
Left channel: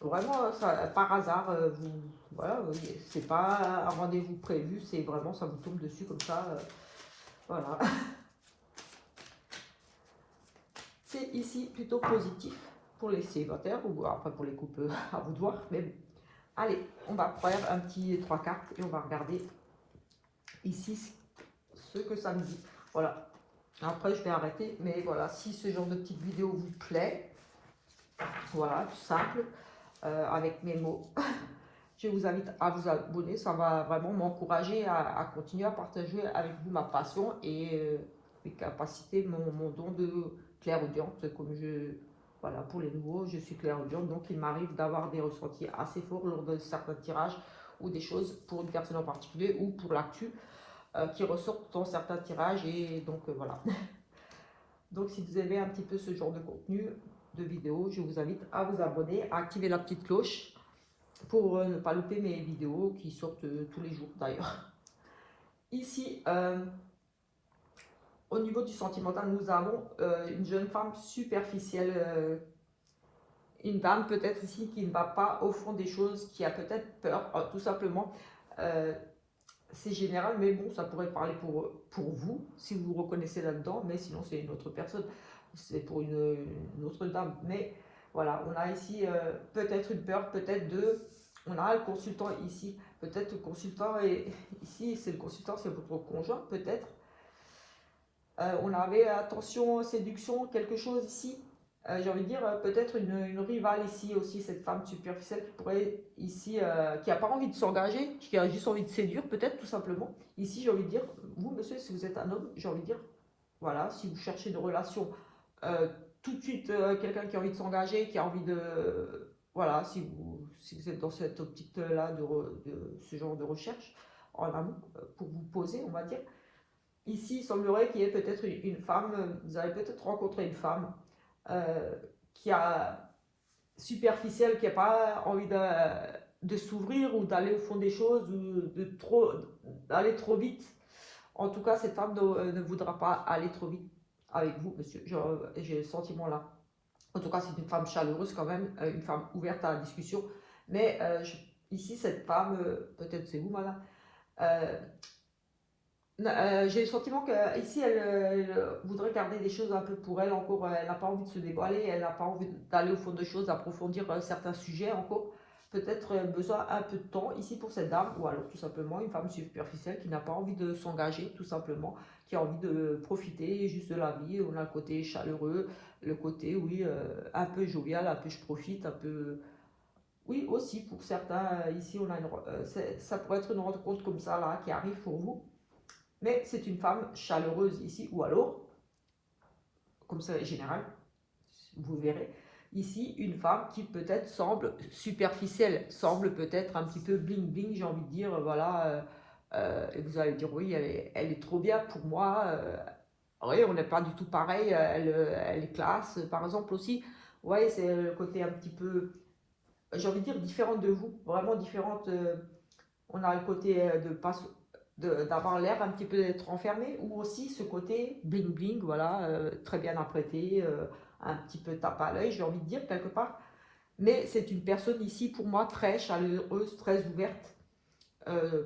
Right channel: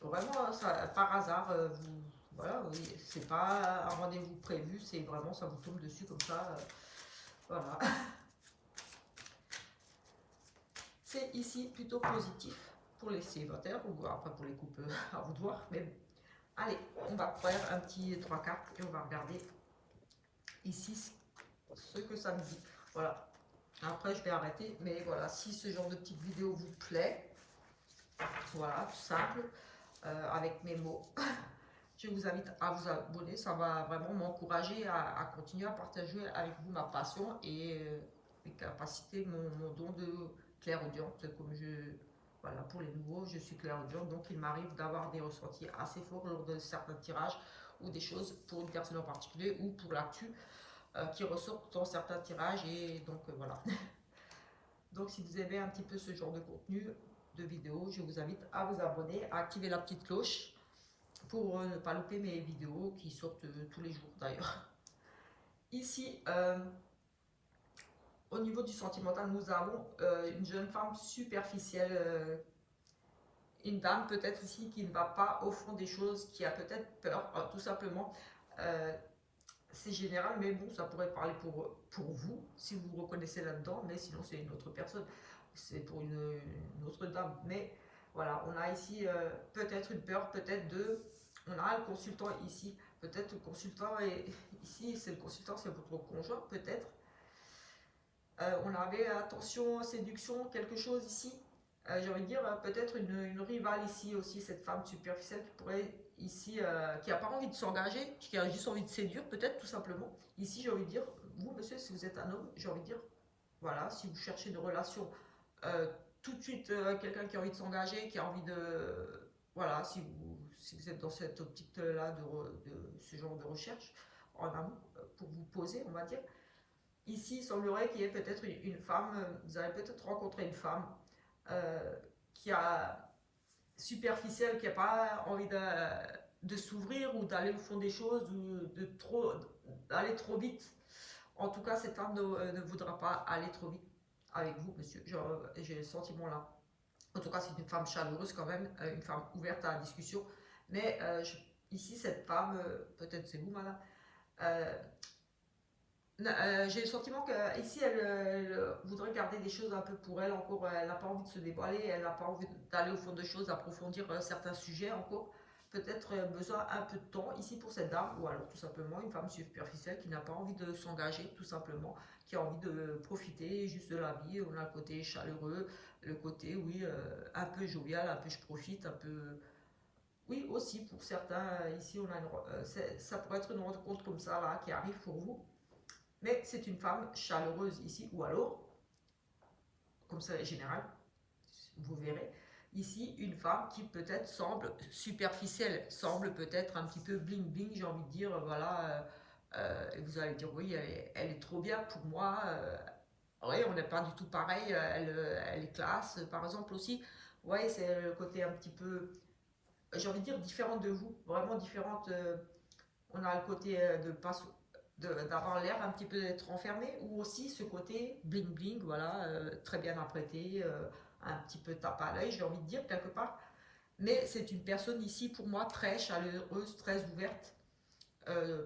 vraiment ça, par hasard. Voilà, c'est pas un rendez-vous prévu, c'est vraiment ça vous tombe dessus comme ça. Voilà. C'est ici plutôt positif pour les célibataires ou après pour les couples à vous de voir. Mais bon. Allez, on va prendre un petit 3 cartes et on va regarder ici ce que ça me dit. Voilà. Après, je vais arrêter, mais voilà, si ce genre de petite vidéo vous plaît, voilà, tout simple, avec mes mots, je vous invite à vous abonner. Ça va vraiment m'encourager à continuer à partager avec vous ma passion et mes capacités, mon don de clairaudience, comme voilà, pour les nouveaux, je suis clairaudiente, donc il m'arrive d'avoir des ressentis assez forts lors de certains tirages ou des choses pour une personne en particulier ou pour l'actu qui ressortent dans certains tirages et donc voilà. Donc si vous aimez un petit peu ce genre de contenu, de vidéo, je vous invite à vous abonner, à activer la petite cloche pour ne pas louper mes vidéos qui sortent tous les jours d'ailleurs. Ici, au niveau du sentimental, nous avons une jeune femme superficielle, une dame peut-être ici qui ne va pas au fond des choses, qui a peut-être peur, tout simplement. C'est général, mais bon, ça pourrait parler pour vous, si vous vous reconnaissez là-dedans, mais sinon c'est une autre personne. c'est pour une autre dame, mais voilà, on a ici peut-être une peur, peut-être deux, on a le consultant ici, peut-être le consultant, et ici c'est le consultant, c'est votre conjoint, peut-être. On avait attention, séduction, quelque chose ici. J'ai envie de dire peut-être une rivale ici aussi, cette femme superficielle qui pourrait ici, qui n'a pas envie de s'engager, qui a juste envie de séduire peut-être tout simplement. Ici j'ai envie de dire, vous monsieur, si vous êtes un homme, j'ai envie de dire, voilà, si vous cherchez une relation, euh, tout de suite quelqu'un qui a envie de s'engager, qui a envie de, voilà, si vous êtes dans cette optique-là de ce genre de recherche en amont, pour vous poser, on va dire. Ici, il semblerait qu'il y ait peut-être une femme, vous avez peut-être rencontré une femme euh, qui a superficielle, qui n'a pas envie de s'ouvrir ou d'aller au fond des choses ou d'aller trop vite. En tout cas, cette femme ne voudra pas aller trop vite avec vous, monsieur. J'ai le sentiment là. En tout cas, c'est une femme chaleureuse quand même, une femme ouverte à la discussion. Mais ici, cette femme, peut-être c'est vous, madame, euh, j'ai le sentiment qu'ici, elle voudrait garder des choses un peu pour elle encore. Elle n'a pas envie de se dévoiler, elle n'a pas envie d'aller au fond des choses, approfondir certains sujets encore. Peut-être besoin un peu de temps ici pour cette dame, ou alors tout simplement une femme superficielle qui n'a pas envie de s'engager, tout simplement, qui a envie de profiter juste de la vie. On a le côté chaleureux, le côté, oui, un peu jovial, un peu je profite, un peu. Oui, aussi pour certains, ici, on a ça pourrait être une rencontre comme ça là qui arrive pour vous. Mais c'est une femme chaleureuse ici, ou alors, comme ça est général, vous verrez, ici, une femme qui peut-être semble superficielle, semble peut-être un petit peu bling bling, j'ai envie de dire, voilà, et vous allez dire, oui, elle est trop bien pour moi, oui, on n'est pas du tout pareil, elle est classe, par exemple aussi, ouais, c'est le côté un petit peu, j'ai envie de dire, différente de vous, vraiment différente, on a le côté de pas d'avoir l'air un petit peu d'être enfermé, ou aussi ce côté bling bling, voilà, très bien apprêté, un petit peu tape à l'œil, j'ai envie de dire quelque part. Mais c'est une personne ici pour moi très chaleureuse, très ouverte. Euh,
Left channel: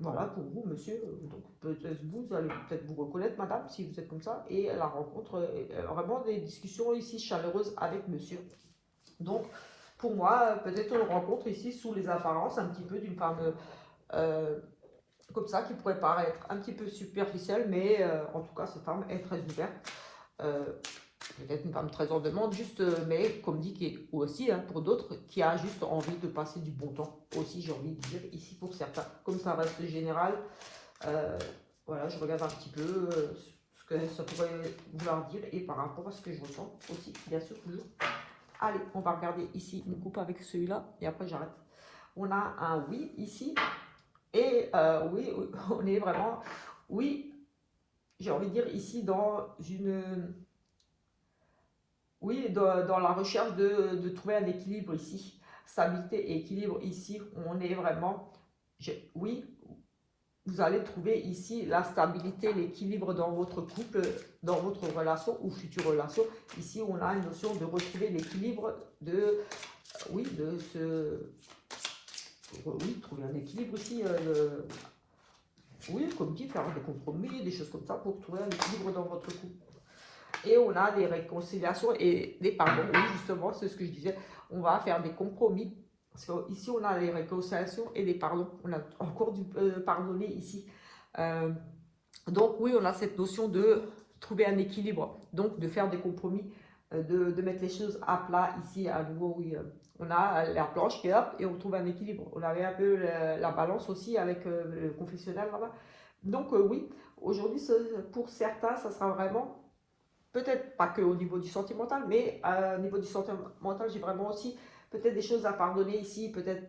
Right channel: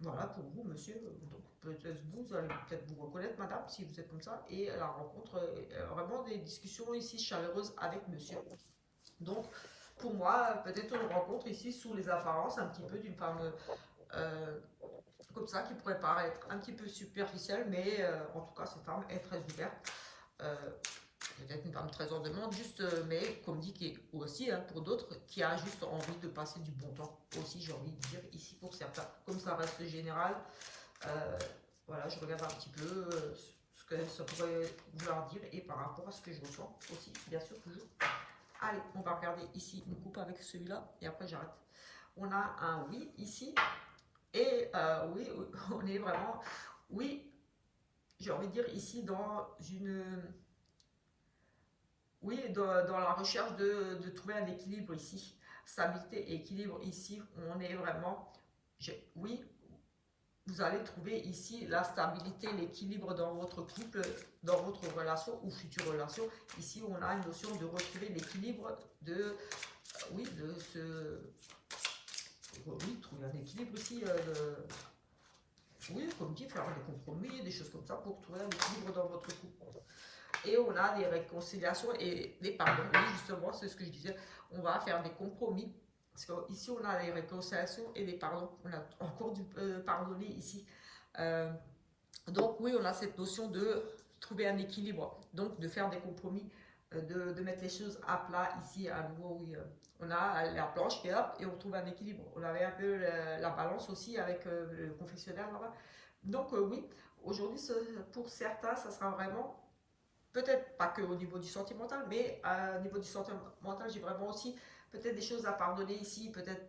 voilà pour vous, monsieur. Donc peut-être vous allez peut-être vous reconnaître, madame, si vous êtes comme ça. Et la rencontre, vraiment des discussions ici chaleureuses avec monsieur. Donc pour moi, peut-être on rencontre ici sous les apparences un petit peu d'une femme. Euh, Comme ça, qui pourrait paraître un petit peu superficielle, mais en tout cas, cette femme est très ouverte. Euh, Peut-être une femme très en demande, juste, mais comme dit, qui est aussi hein, pour d'autres, qui a juste envie de passer du bon temps. Aussi, j'ai envie de dire ici pour certains. Comme ça reste général, euh, voilà, je regarde un petit peu ce que ça pourrait vouloir dire et par rapport à ce que j'entends aussi, bien sûr, toujours. Allez, on va regarder ici une coupe avec celui-là et après j'arrête. On a un oui ici. Et oui, on est vraiment, oui, j'ai envie de dire ici dans une, oui, dans la recherche de trouver un équilibre ici, stabilité et équilibre ici, on est vraiment, oui, vous allez trouver ici la stabilité, l'équilibre dans votre couple, dans votre relation ou future relation. Ici, on a une notion de retrouver l'équilibre, oui, oui, trouver un équilibre ici. Oui, comme dit, faire des compromis, des choses comme ça pour trouver un équilibre dans votre couple. Et on a des réconciliations et des pardons. Oui, justement, c'est ce que je disais. On va faire des compromis. Parce qu'ici, on a les réconciliations et des pardons. On a encore dû pardonner ici. Euh, donc, oui, on a cette notion de trouver un équilibre. Donc, de faire des compromis, de mettre les choses à plat ici, à nouveau, oui. On a la planche qui est là et on trouve un équilibre. On avait un peu la balance aussi avec le confessionnal là-bas. Donc, oui, aujourd'hui, pour certains, ça sera vraiment peut-être pas que au niveau du sentimental, mais au niveau du sentimental, j'ai vraiment aussi peut-être des choses à pardonner ici, peut-être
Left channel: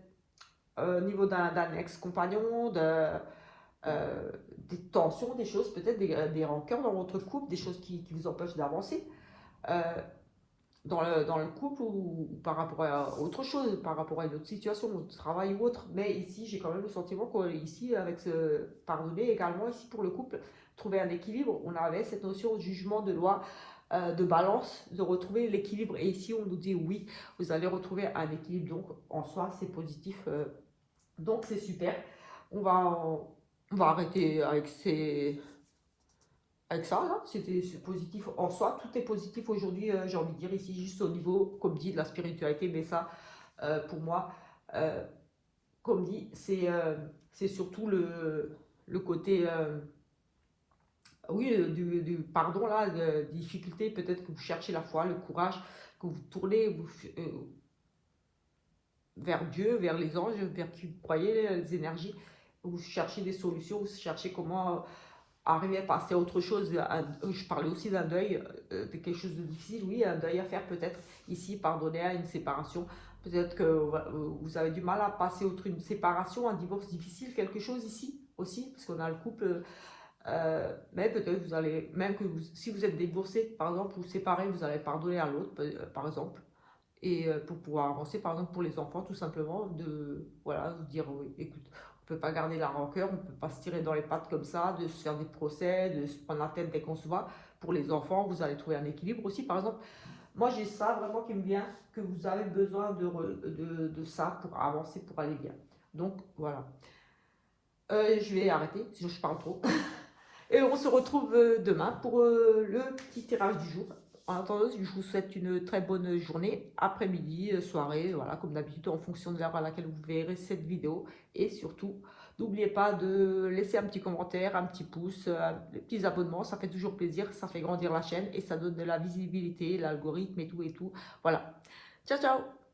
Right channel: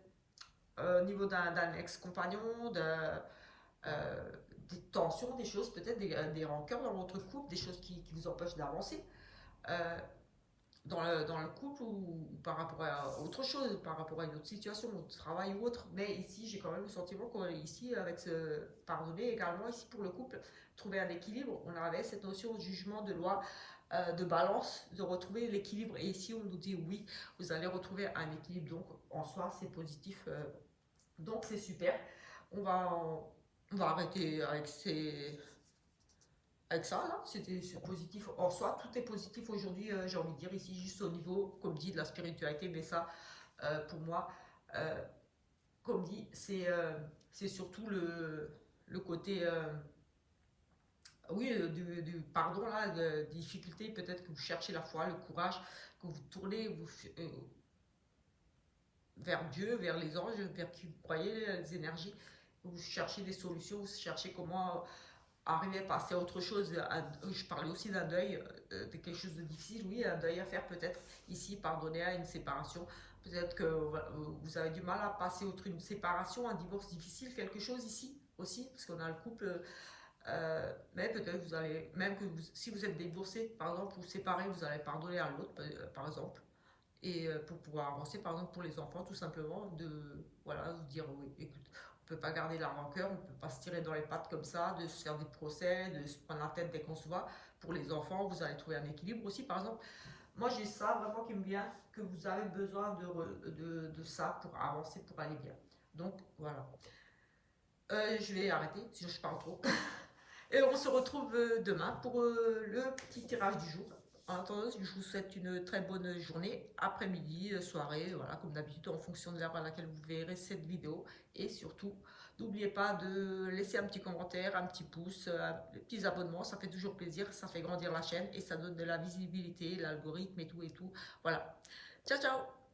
au niveau d'un ex-compagnon, des tensions, des choses, peut-être des rancœurs dans votre couple, des choses qui vous empêchent d'avancer euh, dans le couple ou par rapport à autre chose, par rapport à une autre situation, au travail ou autre. Mais ici, j'ai quand même le sentiment qu'ici, avec ce pardonner également, ici pour le couple, trouver un équilibre, on avait cette notion de jugement, de loi, de balance, de retrouver l'équilibre. Et ici, on nous dit oui, vous allez retrouver un équilibre. Donc, en soi, c'est positif. Donc, c'est super. On va, on va arrêter avec ces avec ça, là, c'est positif en soi, tout est positif aujourd'hui, j'ai envie de dire ici, juste au niveau, comme dit, de la spiritualité, mais ça, pour moi, euh, comme dit, c'est surtout le côté, oui, du pardon, là, de difficulté, peut-être que vous cherchez la foi, le courage, que vous tournez vers Dieu, vers les anges, vers qui vous croyez, les énergies, vous cherchez des solutions, vous cherchez comment arriver à passer à autre chose. Je parlais aussi d'un deuil, de quelque chose de difficile, oui, un deuil à faire peut-être ici, pardonner à une séparation. Peut-être que vous avez du mal à passer outre une séparation, un divorce difficile, quelque chose ici aussi, parce qu'on a le couple. Mais peut-être vous allez, même que si vous êtes divorcé, par exemple, vous séparez, vous allez pardonner à l'autre, par exemple. Et pour pouvoir avancer, par exemple, pour les enfants, tout simplement, de voilà, vous dire, oui, écoute, on peut pas garder la rancœur, on peut pas se tirer dans les pattes comme ça, de se faire des procès, de se prendre la tête dès qu'on se voit. Pour les enfants, vous allez trouver un équilibre aussi. Par exemple, moi j'ai ça vraiment qui me vient, que vous avez besoin de ça pour avancer, pour aller bien. Donc voilà. Je vais arrêter, sinon je parle trop. Et on se retrouve demain pour le petit tirage du jour. En attendant, je vous souhaite une très bonne journée, après-midi, soirée, voilà, comme d'habitude, en fonction de l'heure à laquelle vous verrez cette vidéo. Et surtout, n'oubliez pas de laisser un petit commentaire, un petit pouce, des petits abonnements, ça fait toujours plaisir, ça fait grandir la chaîne et ça donne de la visibilité, l'algorithme et tout et tout. Voilà. Ciao, ciao!